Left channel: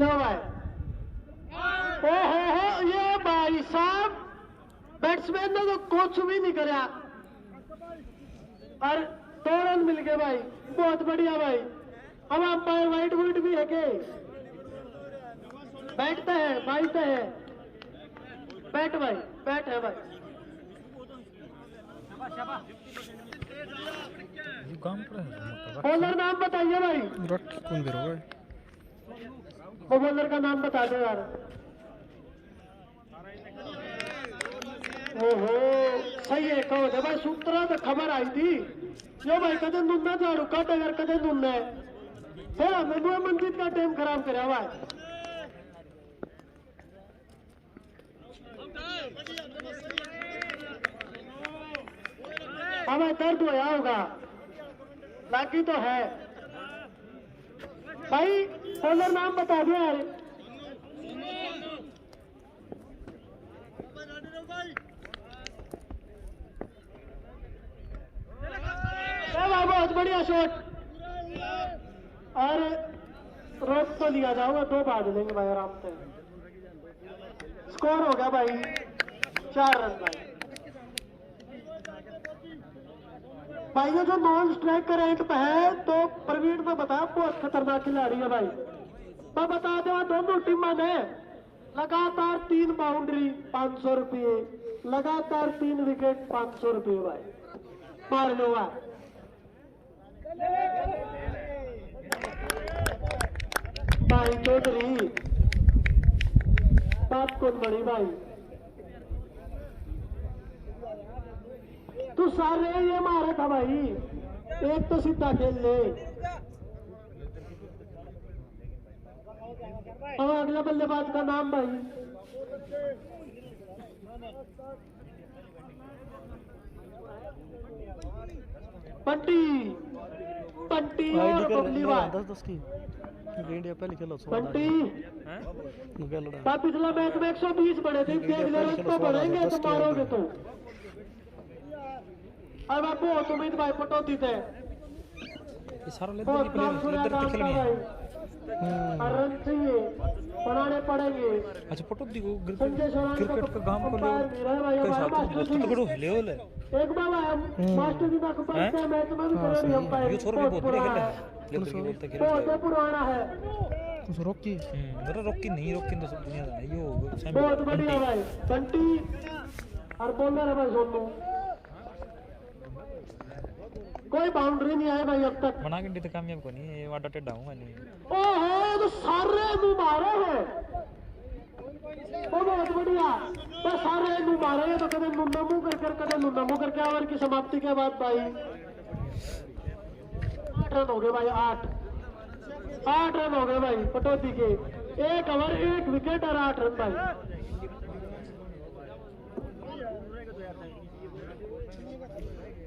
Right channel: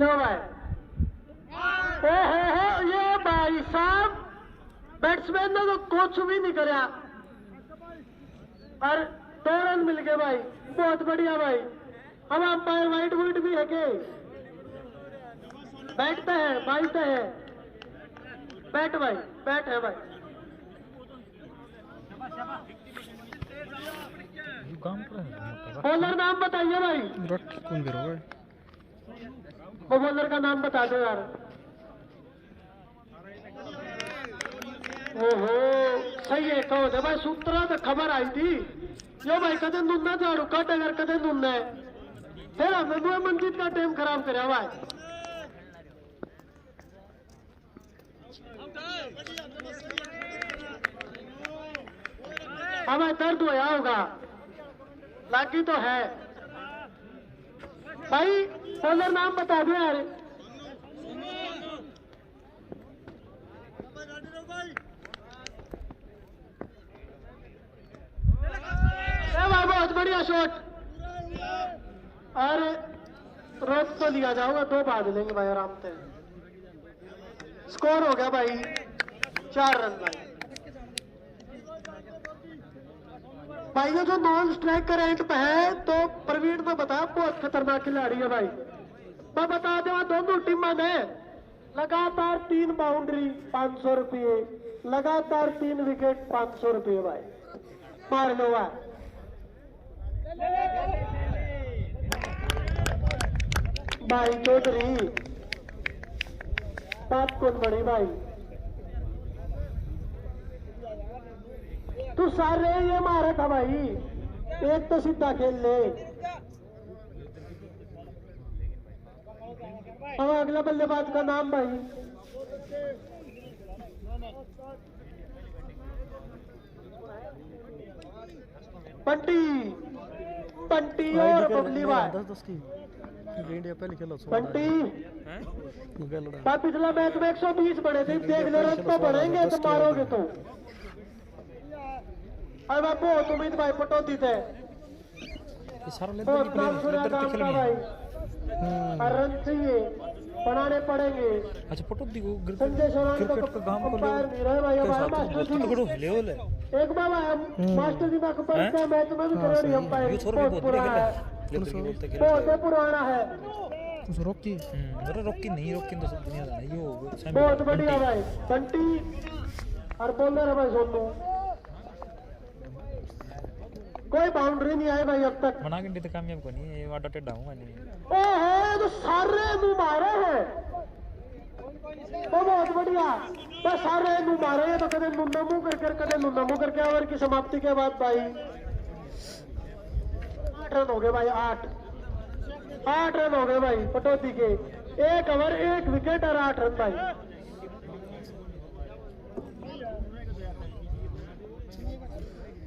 लो भाई, ये भाई साहब बैट्समैन ने तो कुछ भी नहीं कराया और 2 रन मिल गए भाई, बहुत बढ़िया भाई। अब आप वाइट वुड भी है के बैठते हैं, बाइते हैं बैट भाई, बैट है भाई। बॉलर नाम बताइए भाई, कौन भी होगा वो बॉलर का नाम बता दो यार। ओहो सही है, कहो दे भाई, सूत्रा तो खबर आई थी यो भाई कदे नुन्ना झाड़ू कट अगर कदे नुन्ना है फिर हमें मंजीत का टाइम खराब करे भाई। हमें दर्द होया होगा, लागी तो है भाई। बॉलर नाम बता दो यार। बहुत बढ़िया शॉट और रोक तो लिया जाओगा, 2 बाद लेंगे भाई आराम से। स्कोर हो गया भाई 4 रन भाई। ये जो नॉन स्ट्राइक का रैंक पे है तो प्रवीण को बता, बहुत खतरनाक खिलाड़ी है भाई। मैं बता दो दोनों टीमों में लगातार 3 बाउंड्री 500 रुपये, लगातार 3 विकेट 500 रुपये भाई, मार लो भाई। भाई चौधरी बात कौन बड़ी भाई, तू सारे ये मारा था भाई, एक तो सीधा खेल ले। तो अगले बल्लेबाज का नाम भाई, बंटी बंटी और बबली भाई। पिछला मैच में 120 बड़े थे, देख लो रन तो बढ़ेंगे तो मारोगे तो। अब आप बहुत उम्मीद भाई पटौती थे, रन चाहिए बनाने पड़ेंगे। अच्छा पटौती को क्रिकेट का काम को ले के साथ बहुत तगड़ो ले ले एक बार मास्टर जी का कपड़ा मैच में भी खड़ा नहीं होता है, ये छोरा भी बहुत बढ़िया खेला है, लेकिन बोलते खेला है पुराना है। उस रॉकी मेरा रॉकी नहीं, रॉकी तो सब दुनिया जाने यो बहुत बढ़िया भाई बंटी और बॉलर है भाई सोनू। कोई बाउंड्री नहीं आई भाई अब तक, मना के कामयाब को नहीं, ये वाटा टेढ़ा हूं नहीं। ओहो तो सारे नु मारे हैं, तो बहुत बढ़िया, तो सारे नु मारे हैं। तो कदे मुंडा मुंह करके कदे मुंडा मुंह करके ओवर की समाप्ति के बाद भाई 8 रन हो गए भाई, 8 रन हो गए भाई पटौती के। 1 ओवर 1 विकेट और 8 रन भाई।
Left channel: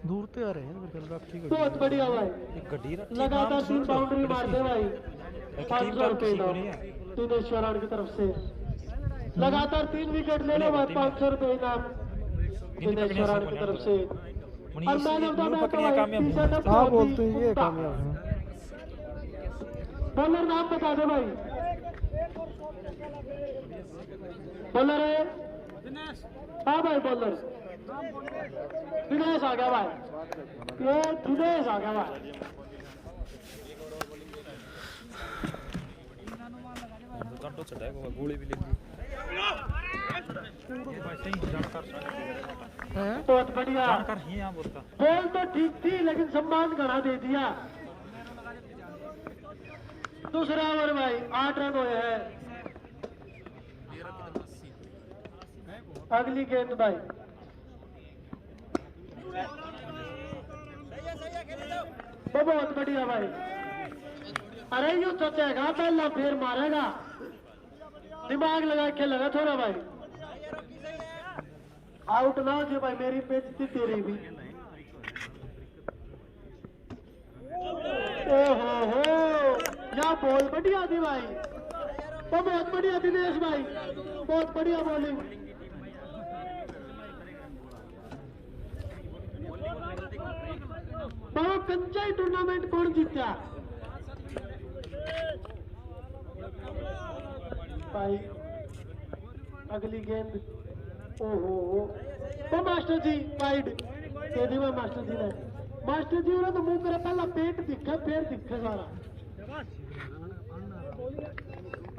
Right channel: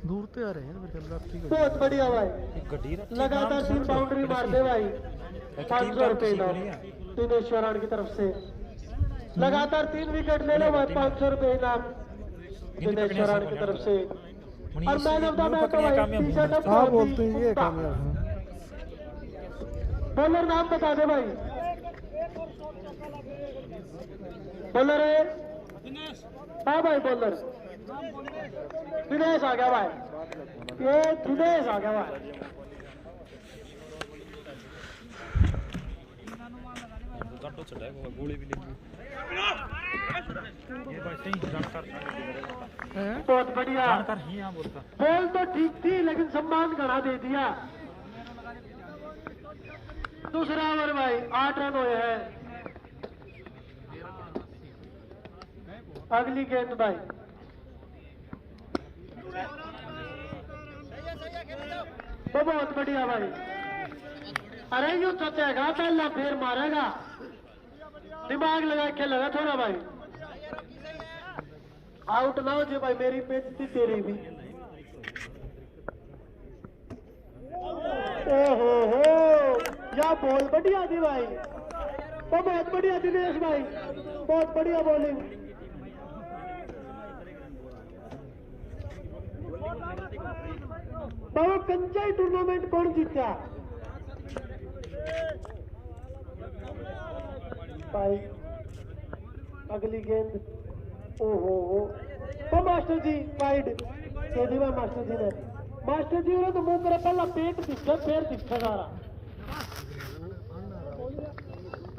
दूर तो आ रहे हैं फिर रात ठीक है, बहुत बढ़िया भाई, एक गड्डी रखी लगातार 3 बाउंड्री मार दे भाई। एक टीम का किसी को नहीं है दिनेश शरण की तरफ से लगातार 3 विकेट लेने बाद 500 रुपए इनाम दिनेश शरण की तरफ से। हाँ बोलते हैं ये कामयाब है। बॉलर नाम बता दे भाई, बॉलर है हाँ भाई, बॉलर दिनेश आ गया भाई, ये दिनेश आ गया भाई। गोली भी लेंगे बहुत बढ़िया बॉल तो ठीक थी लेकिन सम्मान घड़ा दे दिया। दूसरा ओवर भाई 8 रन हुए हैं। अगली गेंद भाई तो बहुत बढ़िया भाई, अरे यू चचेगा पहले फिर मारेगा, दिमाग लगा के लगा थोड़ा भाई। आउट ना हो जो भाई, मेरी बेइज्जती तेरी भी। ओहो या बॉल बढ़िया थी भाई, तो बहुत बढ़िया दिनेश भाई, बहुत बढ़िया बॉलिंग। तो कंचाई टूर्नामेंट कौन जीता? भाई अगली गेंद, ओहो तो master ji wide they the master जी ने। मास्टर जी ने तो मुंह मेरा पहला पेट दिखा फिर दिखा सारा,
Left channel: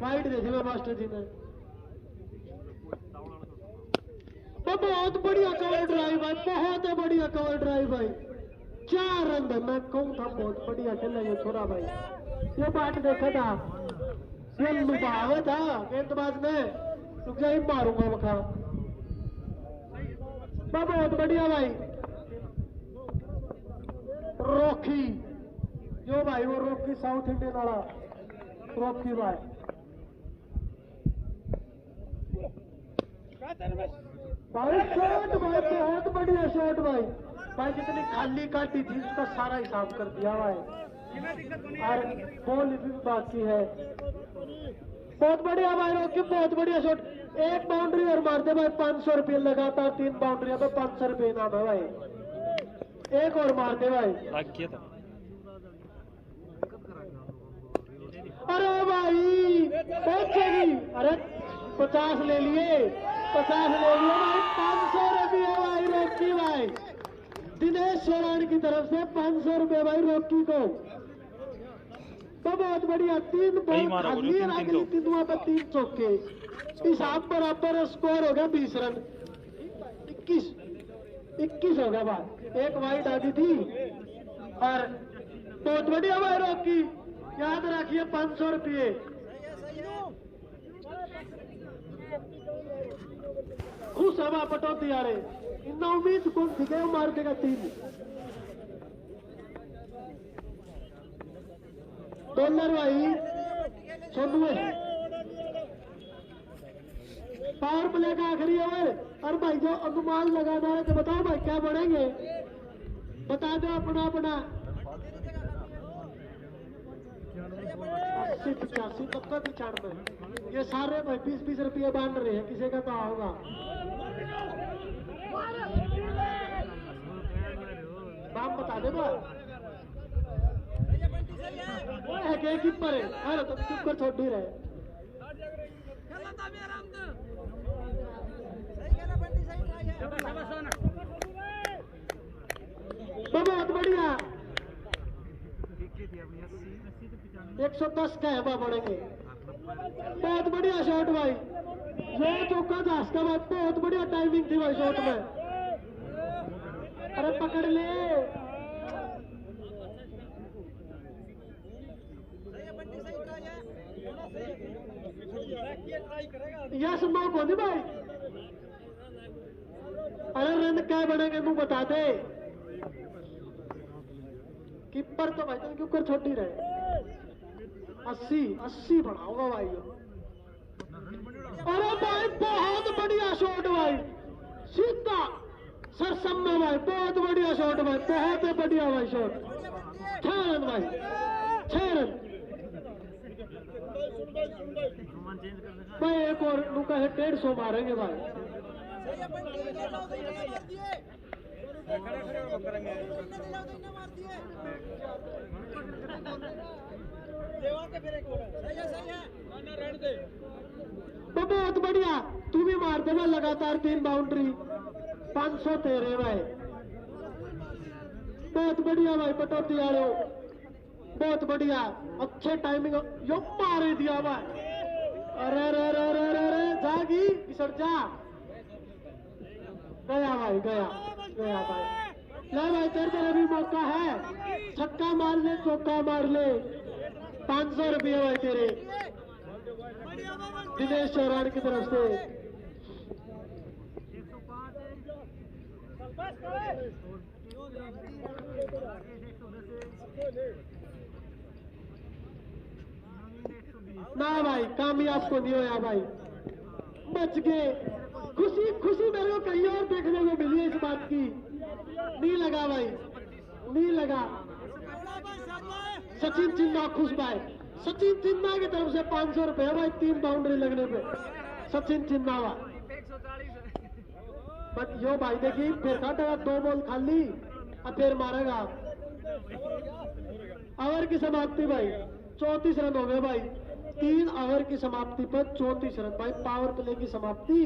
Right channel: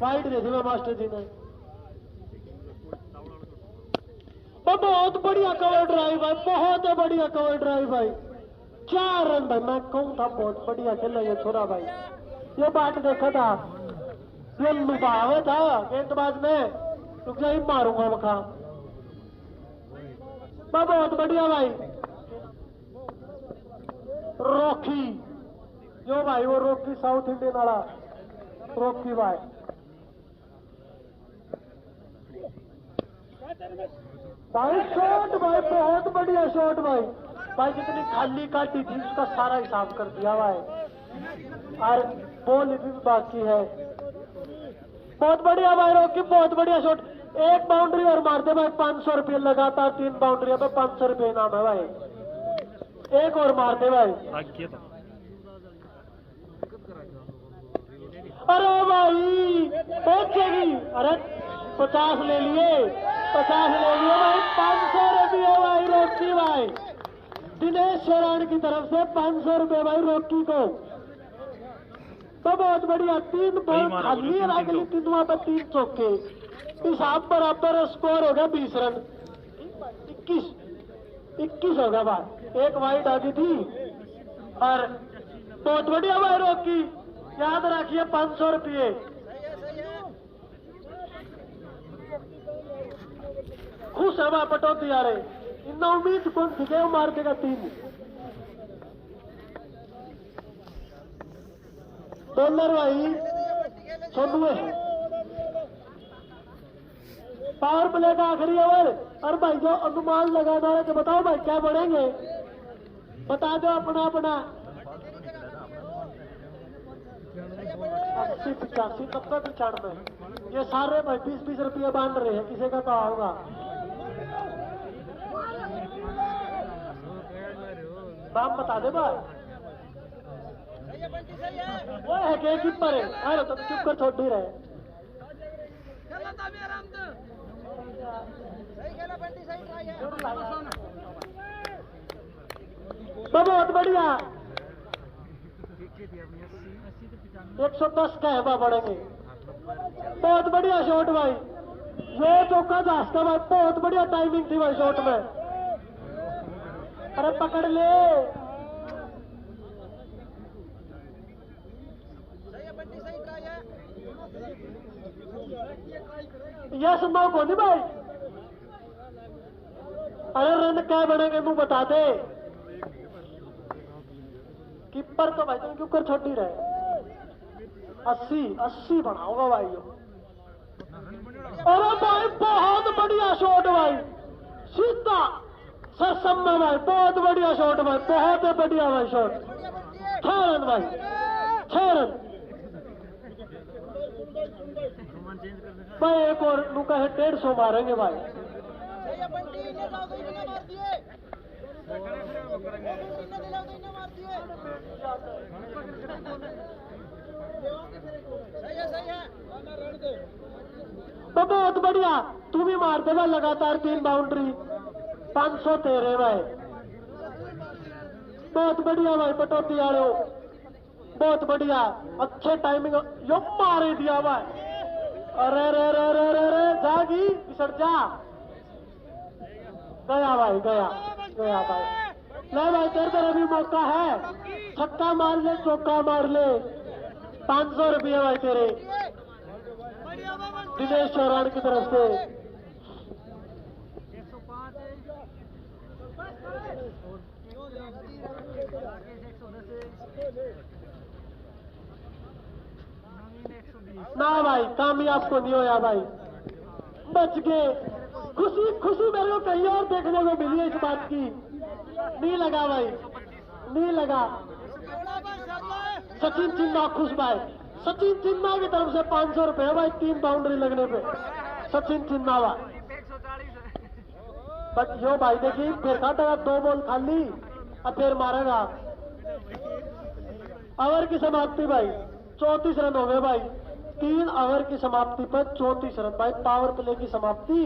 वाइड दे दी मास्टर जी ने। तो बहुत बढ़िया कवर ड्राइव भाई, बहुत बढ़िया कवर ड्राइव भाई, 4 रन भाई। मैं कहूँ था बहुत बढ़िया खेला ये छोरा भाई। ये बात देखा था, ये लुभावे था गेंदबाज ने, रुक जा ही मारूंगा वखा। बहुत बढ़िया भाई रॉकी, जो भाई वो रॉकी साउथ इंडियन वाला रॉकी भाई। भाई शॉट भाई, बहुत बढ़िया शॉट भाई। भाई जितनी खाली काटी थी उसका सारा हिसाब कर दिया भाई, और बॉल भी बाकी है। बहुत बढ़िया भाई रॉकी, बहुत बढ़िया शॉट। एक बाउंड्री और मारते भाई 500 रुपये, लगातार 3 बाउंड्री पे 500 रुपये इनाम है भाई। एक और मारते भाई। अरे भाई पहुंचेगी, अरे 50 ले लिए, 50 ले लिए भाई। 500 रुपये भाई रॉकी भाई, दिनेश शरण की तरफ से 500 रुपये भाई रॉकी को। तो बहुत बढ़िया, 3 बॉल खाली है, अगली 3वां पे 3 चौके, हिसाब बराबर, स्कोर हो गया 20 रन। 21 हो गया भाई, एक वाइड आ गई थी। और बहुत बढ़िया भाई रॉकी, याद रखिए 500 रुपये। खुश है भाई पटौती आ रहे, इतना उम्मीद कौन थी कि मार देगा 3। डॉलर भाई 96, पावर प्ले का आखिरी ओवर। और भाई जो अनुमान लगाना है तो बताओ भाई क्या बढ़ेंगे, बता दो अपना अपना। 80, 85, 90, 95, ये सारे भाई 20-20 रुपये बांध रहे हैं, किसी का कहा होगा। दाम बता दे भाई, वो है कि कीपर है। अरे तो चुप कर, छोड़ ही रहे। बहुत बढ़िया, 110 का है बढ़ेंगे। बहुत बढ़िया शॉट भाई, ये चौका था उसका भाई, बहुत बढ़िया टाइमिंग थी भाई शॉट में। अरे पकड़ ले, यस नो को नहीं भाई। अरे रन क्या बनेंगे तू बता दे। कीपर तो भाई तुम क्यों कर छोड़ नहीं रहे। 80 बनाओगा भाई। अरे भाई बहुत बढ़िया शॉट भाई, सीधा सरसम में भाई, बहुत बढ़िया शॉट भाई, बहुत बढ़िया भाई शॉट। 6 रन भाई, 6 रन भाई। एक और लुका है, 150 मारेंगे भाई। तो बहुत बढ़िया, तू भी मार दे भाई लगातार 3 बाउंड्री, 500 तेरे भाई। बहुत बढ़िया भाई पटौती वाले, बहुत बढ़िया, अच्छे टाइमिंग, यो मार दिया भाई। अरे रे रे रे रे रे, जागी पिसड़ जा, गया भाई, गया भाई। ले भाई तेरे तरफ भी मौका है, छक्का मार ले, चौका मार ले, 500 रुपये भाई तेरे दिनेश चौरान की तरफ से। ना भाई कामयाब को नहीं होया भाई, बच गए। खुशी मेरे को कहीं और देखने को मिली है इस बात की। नहीं लगा भाई, नहीं लगा। सचिन चिन्ना खुश भाई, सचिन चिन्ना की तरफ से 500 रुपये भाई, 3 बाउंड्री लगने पे सचिन चिन्ना भाई। बट यो भाई देखिए फिर काटेगा, 2 बॉल खाली, अब फिर मारेगा। ओवर की समाप्ति भाई, 34 रन हो गए भाई, 3 ओवर की समाप्ति पर 34 रन भाई, पावर प्ले की समाप्ति।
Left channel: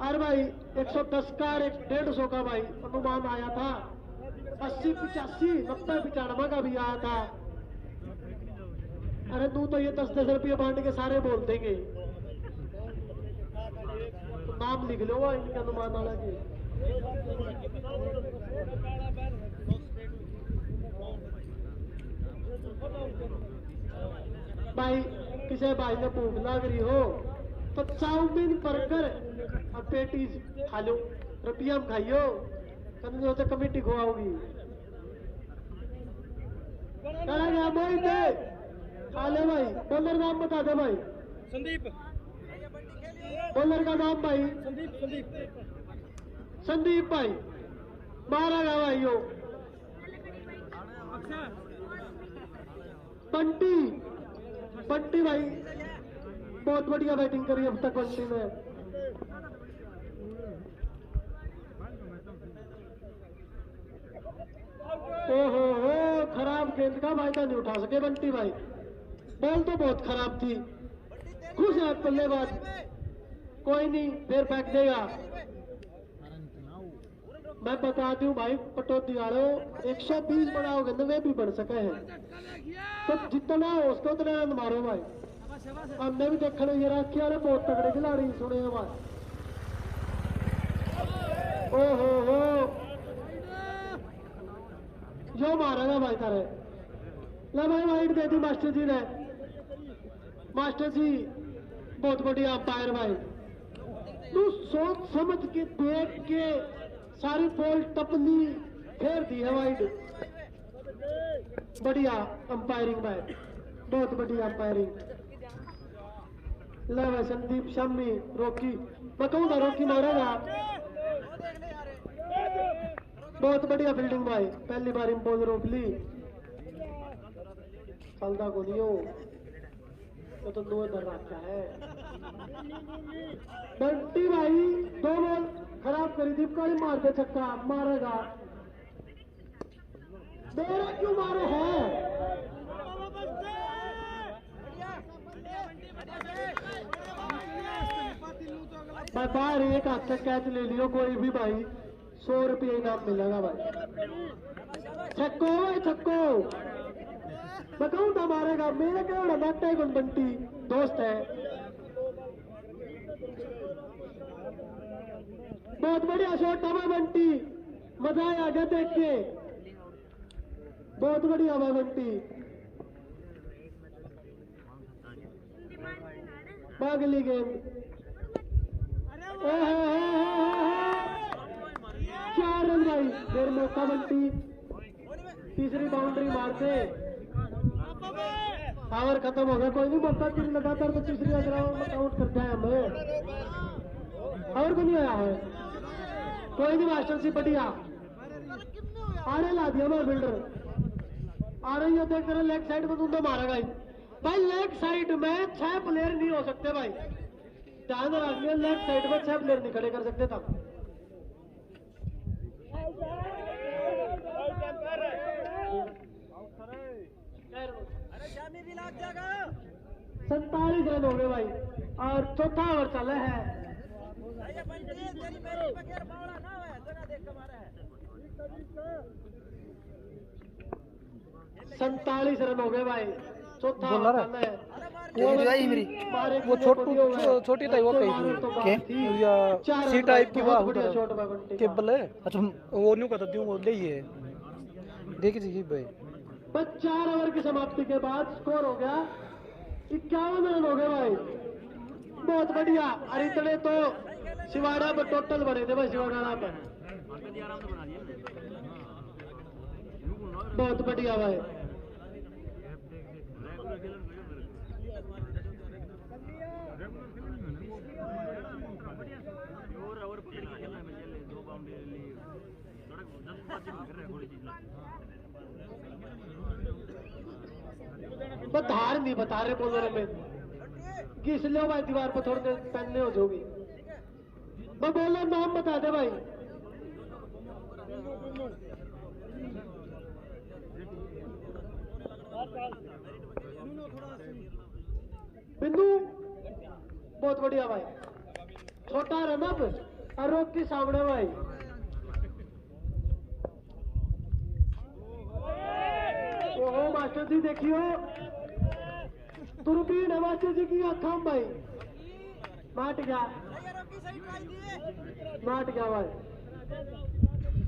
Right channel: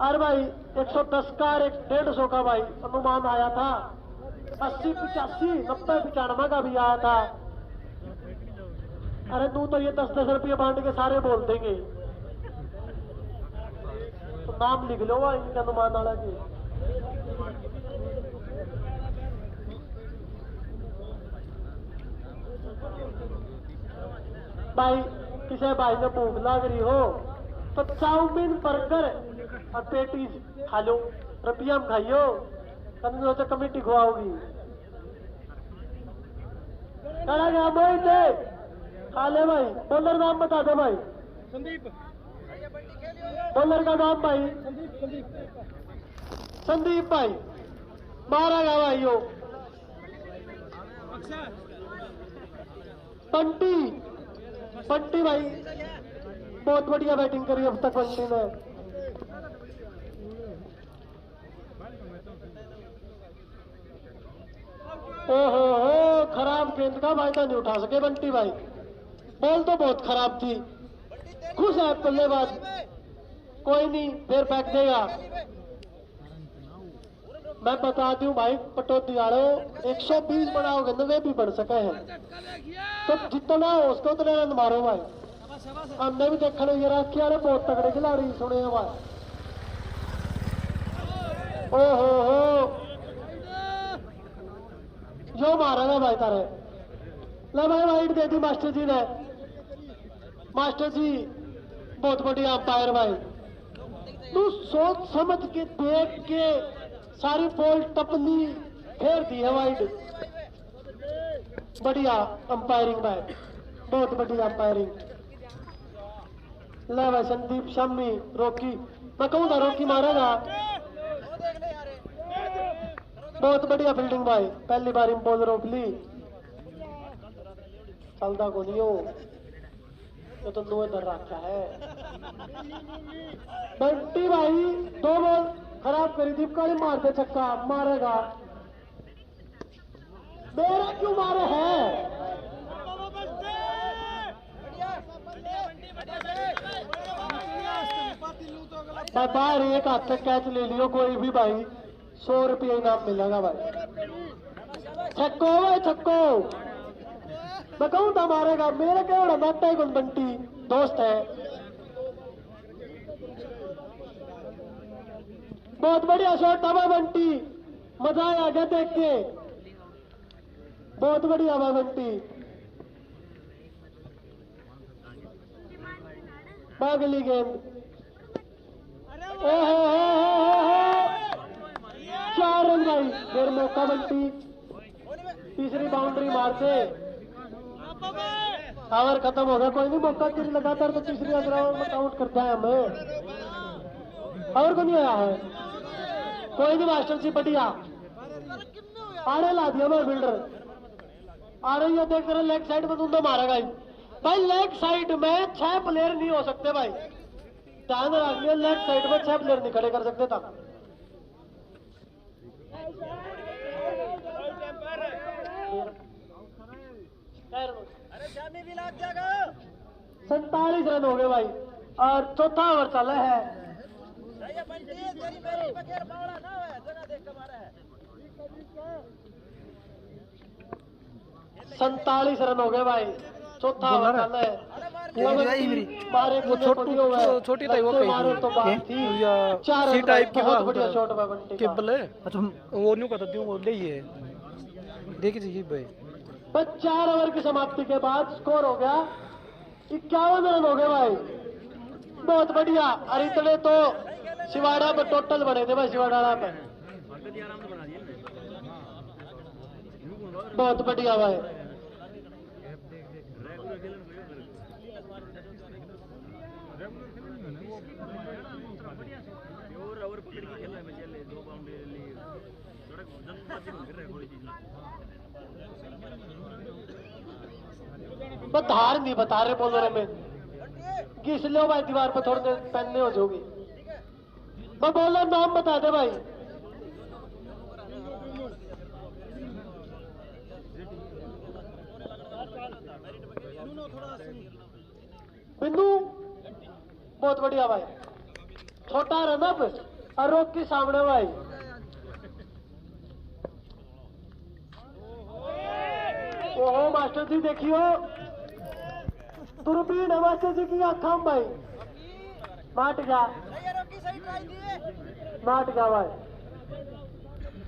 अरे भाई 110 का 150 का भाई अनुमान आया था, 80 85 90 95 का भी आया था। अरे तू तो ये 10-10 रुपये बांट के सारे बोल देंगे, तो नाम लिख लो इनके अनुमान वाला जी। भाई किसी भाई ने भूख लग रही हो तो चाउमीन बर्गर और पेटीज खा लो, रुपया में खाइयो, कभी तो कमेटी खुआओगी। करा गया मोहित दे खा ले भाई। बॉलर नाम बता दे भाई। संदीप। बॉलर का नाम भाई संदीप। संदीप भाई। मारेगा भाई यो बंटी। बंटी भाई बहुत बढ़िया बैटिंग करी अब तक बंटी ने। ओहो हो, खराब गेंद का फायदा नहीं उठा सके बंटी भाई। बॉल तो बहुत खराब थी। खुश है बल्लेबाज, कोई नहीं फिर फेंक देगा। मैं बता दूं भाई पटौती वालों, 120 बनाओगे ना वे भी बढ़ सके हैं, तो जितना हो उसको उतने रन मारो भाई। हमने भी देखा ये रखी वाले बहुत तगड़े खिलाड़ी सुने हैं भाई। ओहो हो, जो मारेगा भाई तारे। ले भाई वाइट दे दी मास्टर जी ने। मास्टर जी बहुत बढ़िया अंपायर भाई, तू सोच समझ के देख के सारी बॉल टपनी फेर दी है वाइड। बढ़िया अंपायरिंग भाई, बहुत बढ़िया अंपायरिंग। ले भाई संदीप शम्मी रोकी, मैं कहूँ ना रोकी मारेगा। बहुत बढ़िया फील्डिंग भाई, पहली बार बॉल रोक ली। चलता को नहीं हो, ये तो नो इधर रखा है। बंटी भाई 2 बॉल खराब करी थी, काली मार दे छक्का, मारेगा। मेरा क्यों मारे है? बाहर एक हाथ तक कैच ले लियो कोई भी भाई, 100 रुपये इनाम मिलेगा भाई। छक्को भाई छक्को, मैं कहूँ था मारेगा। मेरे क्या बड़ा बैठा है कौन, बंटी दोस्त है। बहुत बढ़िया शॉट था भाई बंटी, मजा आ गया देख के, बहुत बढ़िया भाई बंटी। अगली गेंद 4 रन भाई, फिर मौका बंटी, तीसरी बाउंड्री मारते, ओवर खत्म हो गया। कोई नहीं, मौका फिर लगातार तो तीसरी राउंड में काउंट करते हैं हमें। और को नहीं आया है, कोई नहीं मास्टर जी बढ़िया। आड़े ला दिया मैं फील्डर, आ रही है देख रहे लेग साइड में, तुम तो मारेगा भाई। लेग साइड में 6 प्लेयर नहीं हो सकते भाई, ध्यान रख लिया। लेग साइड में 6 प्लेयर नहीं खड़े कर सकते था। 47 रन हो गए भाई, और चौथा ओवर चला है। 47 रन हो गए भाई, चौथा ओवर चला है। वो छोटी टाइप वो कही या सी टाइप की वाह केबल है। अच्छा वो नहीं कहता दूं, वो ले है देखिए जी भाई। बस 4 ओवर की समाप्ति के बाद स्कोर हो गया 51 रन हो गए भाई, बहुत बढ़िया। और इतने तो सिवाड़ा पे टोटल बने थे भाई, सिवाड़ा पे बहुत बढ़िया भाई। धार नहीं बता रहे बॉलरों में, घिस लो भाई दीवार पर, थोड़ी देर पहनने हो जाओगी। मैं बॉलर नाम बता दे भाई। बिंदु बहुत बढ़िया भाई, छोटा रनअप और रोक के सामने भाई। ओहो मास्टर जी देखियो, दूरबीन है मास्टर जी की आंखों में भाई, माट गया भाई।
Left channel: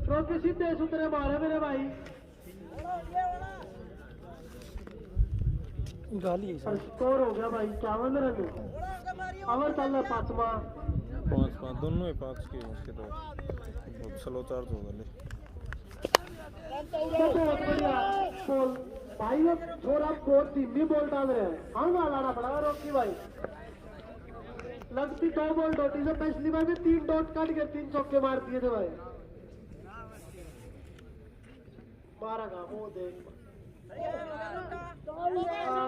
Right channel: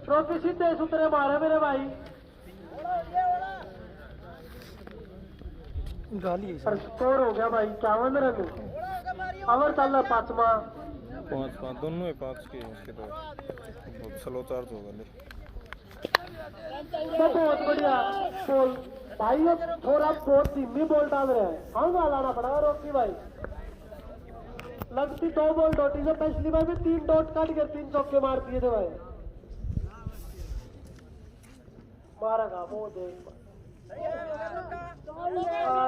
रोकी सीधे सुतरे मारे मेरे भाई, गाली और स्कोर हो गया भाई 51 रन। अवर चल रहा 5वां, 5 दोनों है 5 के उसके तो बहुत स्लो चार्ज होगा ले। बहुत बढ़िया बॉल भाई, ये थोड़ा बहुत धीमी बॉल डाल रहे हैं, हम लाना पड़ेगा रोकी भाई। लगती 2 बॉल डॉटी से, पिछली बार भी 3 डॉट काट कर 3 चौके मार दिए थे भाई। मारेगा वो देख,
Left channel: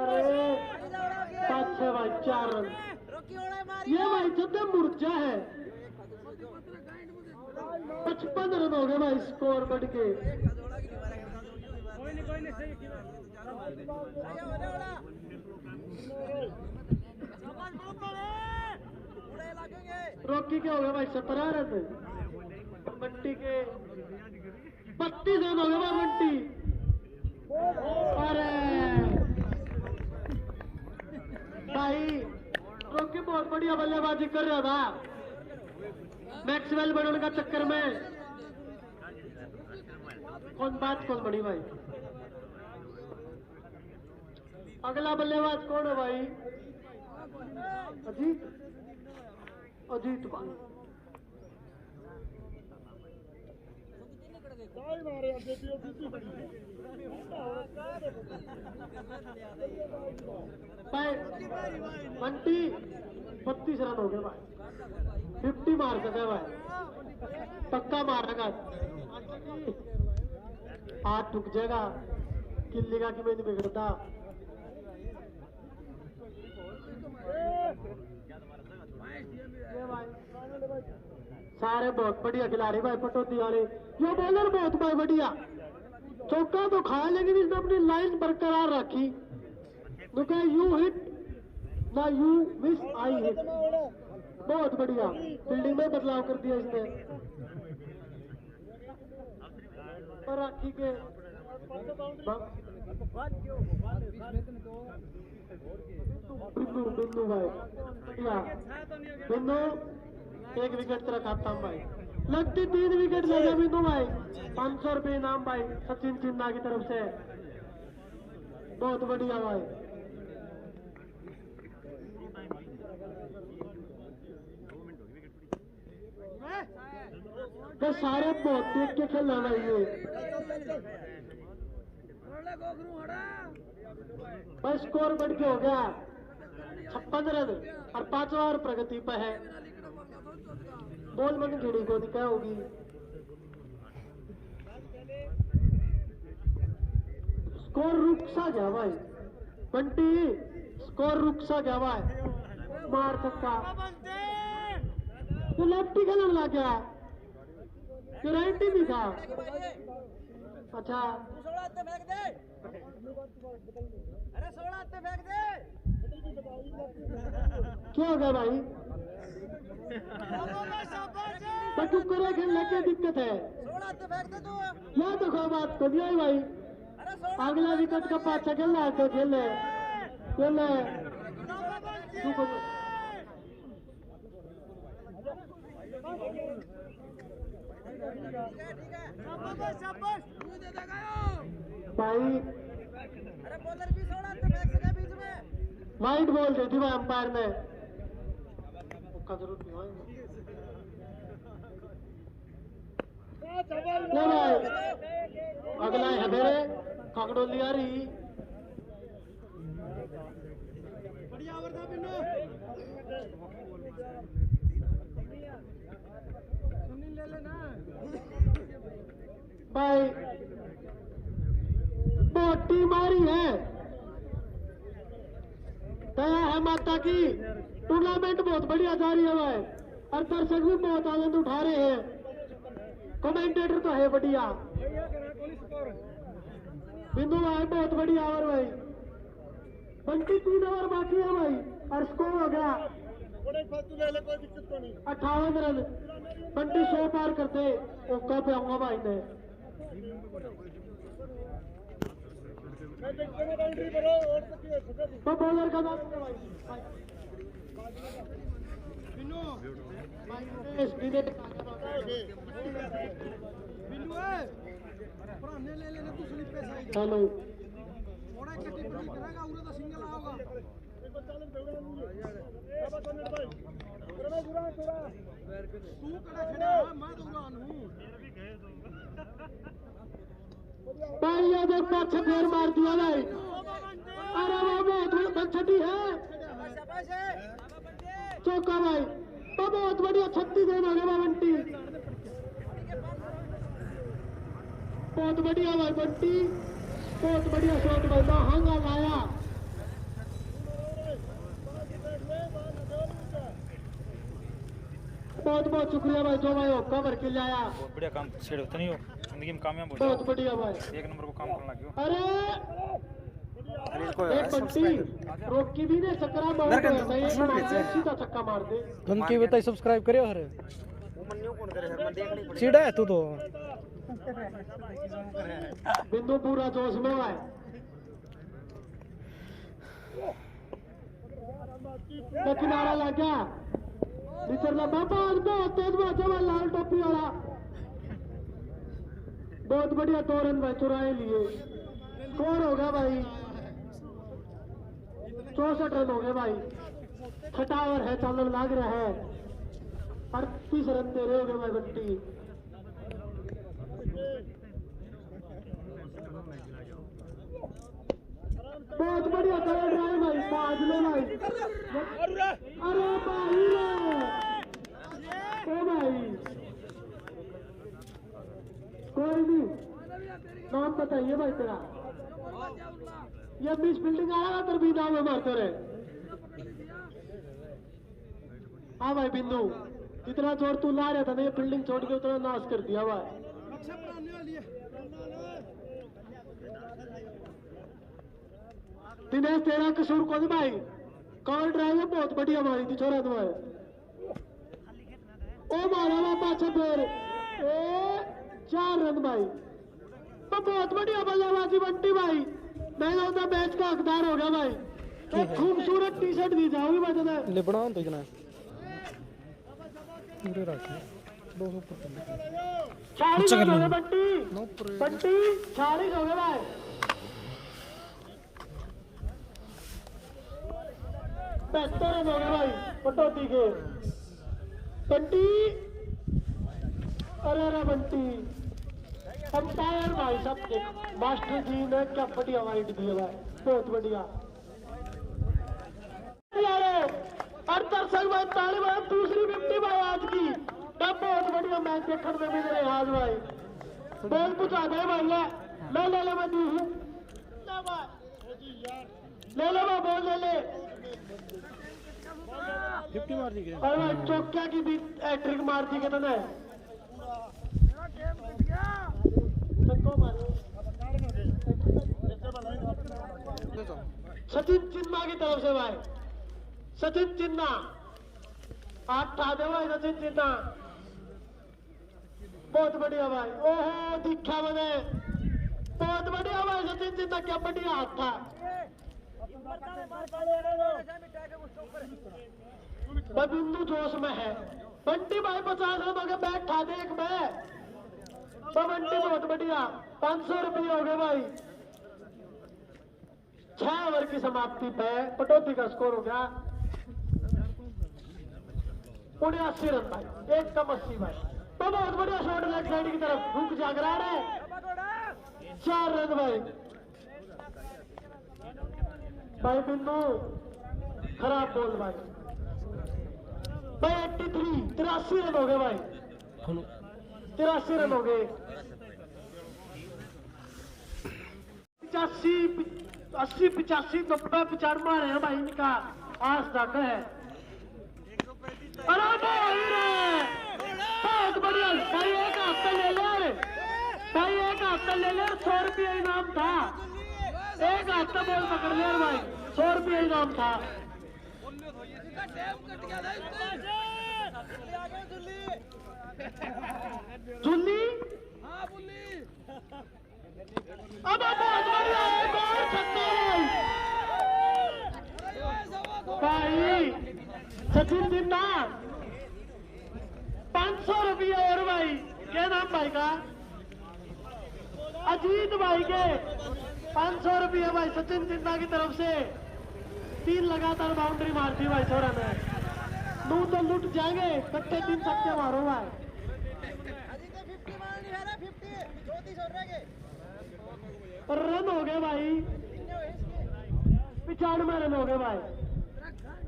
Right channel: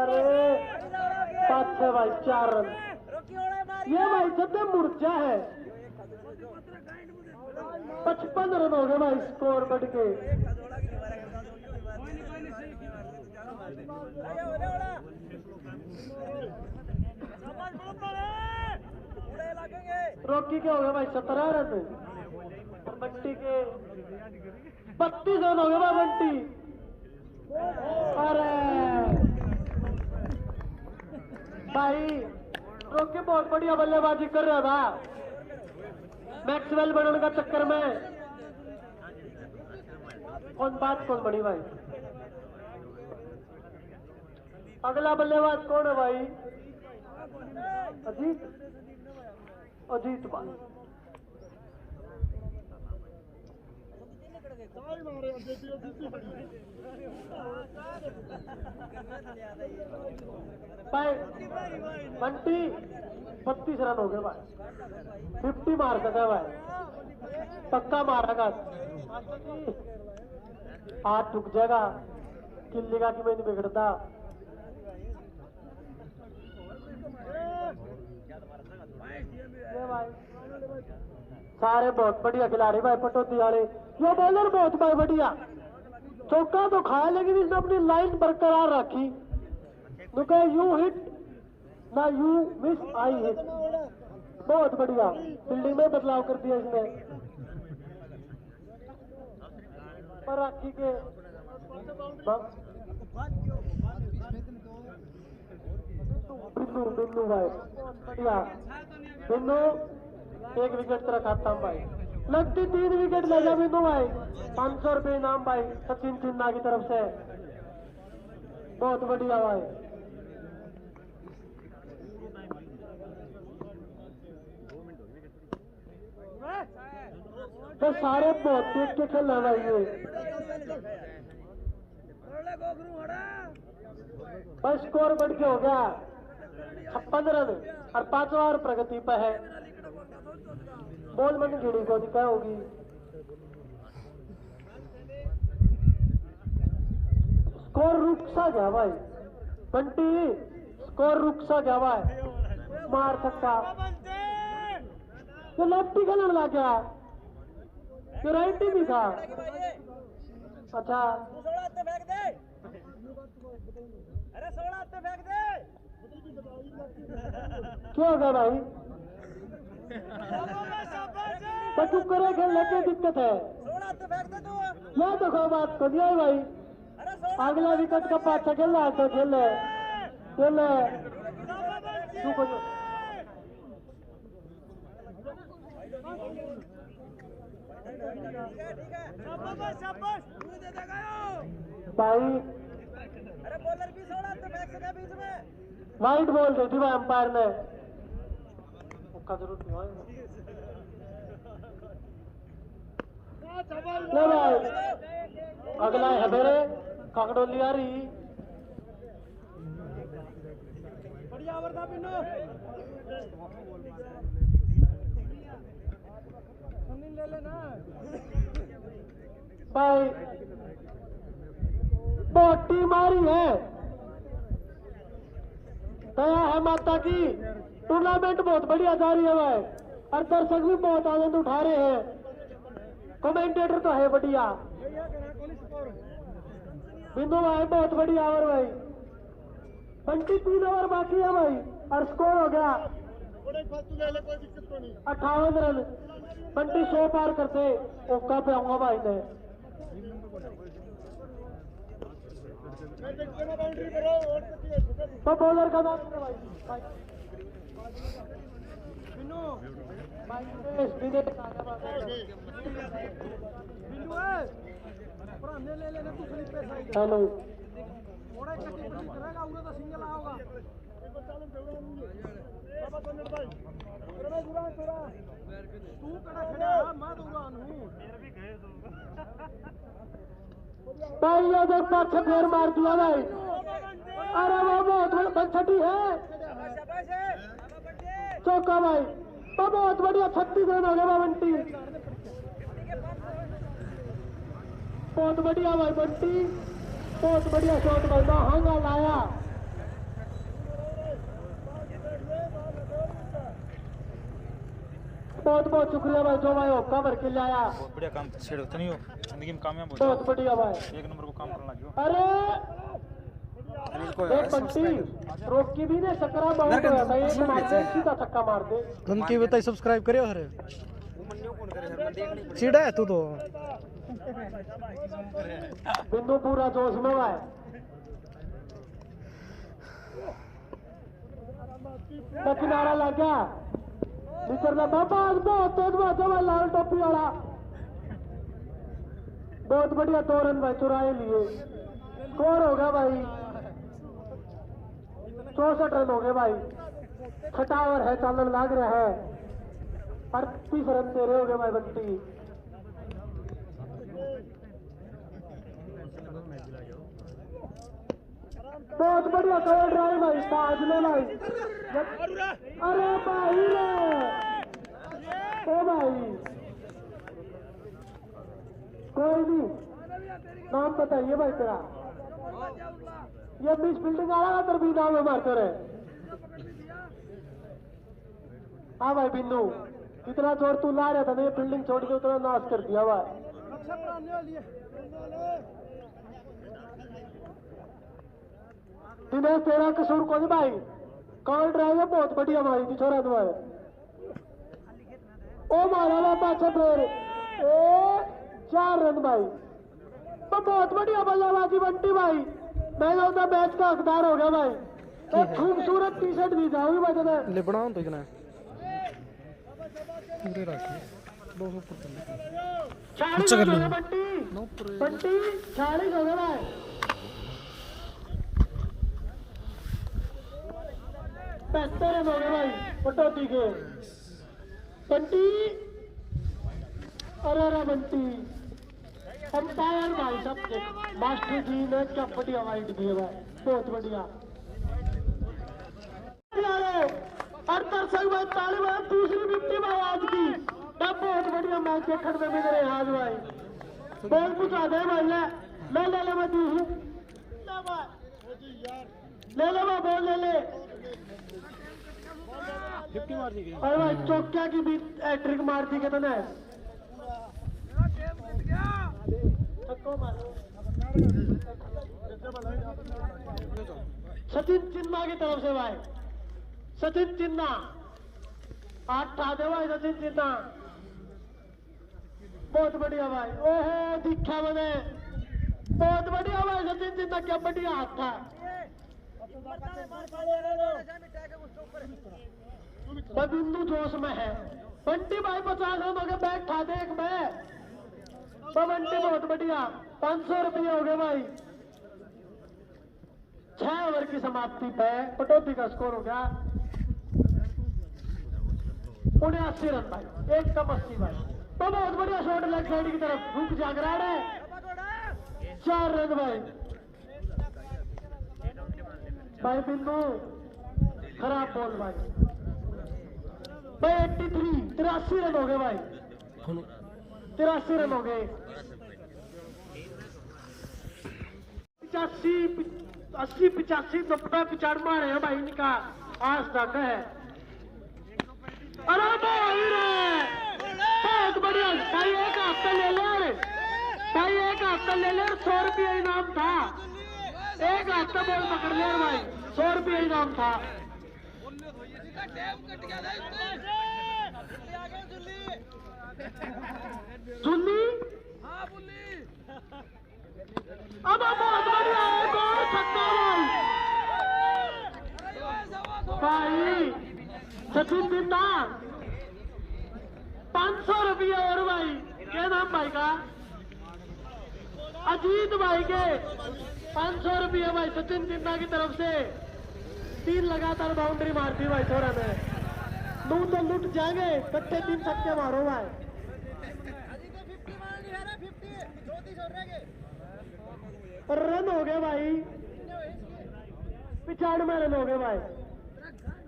अरे 5 से भाई 4 रन। ये भाई जब मुर्जा है, 55 रन हो गए भाई स्कोर बढ़ के। रॉकी के हो गए भाई 17 रन, बंटी के 32 रन हो गए भाई बंटी। अरे भाई रॉकी बहुत बढ़िया बल्लेबाजी कर रहा था, मैक्सवेल बनने का चक्कर में। कौन बात कौन बड़ी भाई, अगला बल्लेबाज कौन है भाई? अजीत, अजीत भाई। भाई बंटी 32 रन हो गए भाई, 50 मार सका भाई, पक्का मारेगा। हाथ टूट जाएगा, किल्ली का कि मैं नहीं बिगड़ता। सारे बहुत बढ़िया खिलाड़ी भाई, पटौती वाले। ये बॉलर बहुत भाई बढ़िया, चौका तो खाया लेकिन इसने अपनी लाइन बरकरार रखी। यू हिट ना यू मिस, आई हिट। बहुत बढ़िया फील्डिंग में बदलाव कर दिया इसने, पर राखी के बिन्नू भाई बढ़िया, बिन्नू 1 विकेट तेरा खाता हूँ भाई। लगती 3 विकेट ले जा बिन्नू भाई, 500 रुपये इनाम भाई सचिन चिन्ना की तरफ से। बहुत बढ़िया भाई। तो सारे बहुत देख के खेलना भाई ये। बस स्कोर बढ़ के हो गया 56 रन और 5 ओवर प्रगति पे है। बॉल मन गिड़ी को दिखा होगी। स्कोर रुक सा गया भाई, बंटी स्कोर रुक सा गया भाई। मार सकता तो लेफ्टी खेलने लग गया, जो राइट ही नहीं था। अच्छा क्या हो गया भाई? तो चुप करे, खेलने की दिक्कत है। या तो कोई बात को नहीं भाई, अगला विकेट का पाछा खेल रहा है तो खेल चुप हो जाओ भाई। वाइट बॉल दे दी भाई अंपायर ने, उसका जरूरत नहीं है भाई। अगला है मेरे काकड़ोली आ रही। बढ़िया ओवर था पिन्नू, सुनील ले लेना भाई। बहुत टीम आ रही है, दया है माता की। टूर्नामेंट बहुत बढ़िया जा रही है भाई, और दर्शक भी बहुत आनंद उठा रहे हैं। कमेंटेटर तो है बढ़िया। बिंदु भाई बहुत बढ़िया ओवर भाई, बंटी 3 ओवर बाकी है भाई और स्कोर हो गया 58 रन। बंटी 100 पार करते ओका पे आऊंगा भाई ने तो बॉलर का नाम है भाई हेलो भाई ये देख पाछे फेर मार दिया भाई। अरे वो बहुत बड़ी छठी है चौका भाई तो बहुत बढ़िया 36 रन हो गया बंटी बहुत बढ़िया भाई बंटी बहुत बढ़िया शॉट भाई महंगा लाया बहुत बहुत शुक्रिया भाई जो भाई होका भर के लाया बहुत बढ़िया काम छेड़ होता नहीं हो जिंदगी में कामयाब हो बहुत बढ़िया भाई एक नंबर को काम करना लगे हो अरे एक बंटी रोकी भी ने सकरा बहुत होया था एक मार दे सीधा छक्का मार दे उनकी बताई सब्सक्राइब करियो हरे सीधा है तू तो बिंदु पूरा जोश में है तो किनारा लग गया निचरला बाबा बहुत तेज बाजा भाई लाल टोपी वाला बहुत बढ़िया 2 रन भाई चुराए लिए स्कोर होगा भाई 64 रन हो गए भाई 6 ओवर है चालन लाग रहा है 38 रन तेरे हो गए भाई बंटी बहुत बढ़िया कर रहा है भाई साज ले भाई अरे भाई रे ओ भाई कोई नहीं नाम बताइए भाई तेरा ये बीच बिल्डिंग आ रहा तेरे भी नाम है मारते रहे हाँ भाई बिंदु कितना जोर तू ला रहा था ना ये बिल्डिंग छोड़ के उतना नाश कर दिया भाई दिनेश तेरा कसूर को भाई कॉल ड्राइव है बहुत बढ़िया मारी थी छोरा तुम्हारे ओ मारा हुआ पाछा फिर 4 रन भाई तो बहुत बढ़िया बल्लेबाजी बंटी भाई मैं लगता मैच का हकदार हो गया भाई एक खूबसूरत टी शर्ट दी जाओगी भाई तुम्हें लिपना तो इतना पूरे रखिए 200 ऊपर अच्छा कर लो बंटी बंटी 40 हो गए भाई बेहतर है भाई कटौती के बंटी अरे बंटी अंपायर भाई सबके मास्टर जी ने क्या बढ़िया वाइट दी है भाई बहुत बढ़िया हर दर्शक भाई ताले भाई दूसरी विकेट भाई आज की बहुत बढ़िया मैच देखने में मिल रहे आज भाई बॉल पूछा दे ले मैं मैं दूसरी ले मैं बॉल ले 50 मार दी अरे भाई चौकिया की भी ट्रिक मार दी कहते हैं सचिन चिन्ना की तरफ से भाई सचिन चिन्ना 8 दे भाई सचिन चिन्ना बहुत बढ़िया भाई ओहो दिखा मैंने बहुत बढ़िया भाई सचिन चिन्ना क्या बढ़िया हाथ था बिंदु जोश में है बंटी भाई 50 रन हो गए बैट खा दे एक मैं तो बंटी बहुत बढ़िया 500 रुपये हो गए भाई 6 ओवर की समाप्ति पे कटौती का स्कोर हो गया 79 रन भाई एक कम 80 भाई तो बहुत बढ़िया शॉट लेग साइड की तरफ रुक जागरा रहे 4 रन भाई बिंदु खराब बॉल भाई 83 रन हो गए भाई 83 रन हो गए 85 80 85 90 95 है भाई इनका आज तक है अरे भाई रे बहुत बढ़िया भाई एक हफ्ता ले ले भाई एक हफ्ता ले ले 100 रुपये इनाम था एक हफ्ता बॉल पकड़ ले भाई 100 रुपये इनाम था। जुल्ली अब बहुत बढ़िया एक और छक्का भाई सचिन जिंदा 500 रुपये और भाई। क्या नाम भाई का? अजीत भाई के 500 रुपये भाई सचिन जिंदा की तरफ से। 3 लगातार बाउंड्री मारती भाई छोरा ने। लूट जाएंगे बच्चे 3 छक्के मारो भाई। रन हो गए भाई 95 रन हो गए भाई।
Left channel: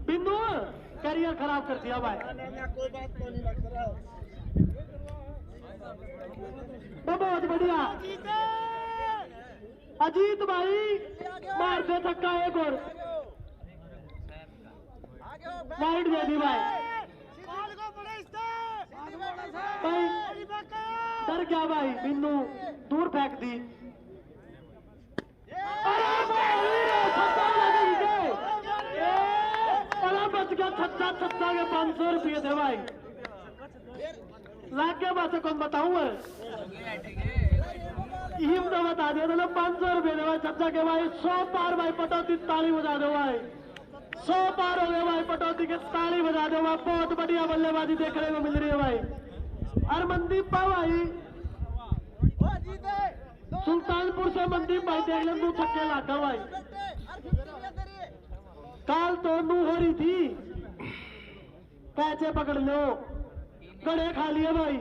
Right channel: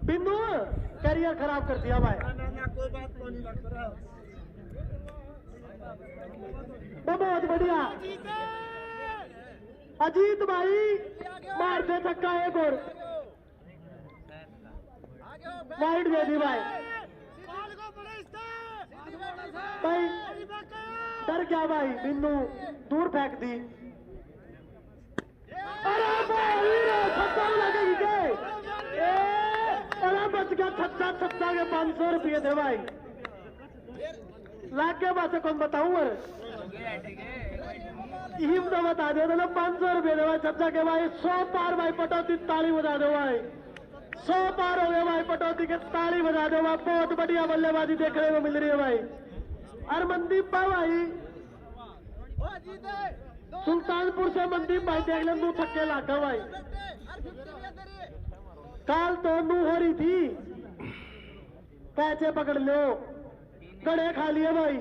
बिंदु करियर खराब कर दिया भाई। ना कोई बात तो नहीं लग रहा। बहुत बढ़िया अजीत भाई मार दे छक्का एक और। वाइड दे दी भाई। डर गया भाई बिन्नू दूर फेंक दी। बच गया छक्का के 500 रुपये थे भाई। लाख के बात कौन बताऊं और हिम तो बता दे 500 रुपये दे भाई छक्का के भाई। 100 पार भाई पटौती ताली बजा दो भाई। 100 पार हो गए भाई पटौती के ताली बजा दो भाई। बहुत बढ़िया बल्लेबाजी देखने को मिल रही है भाई। हरमनदीप भाई सुल्तानपुर से मनदीप भाई देख लें 2 छक्के लागा भाई। काल तो नू हो रही थी कैचे पकड़ लो गड़े खा लिए भाई।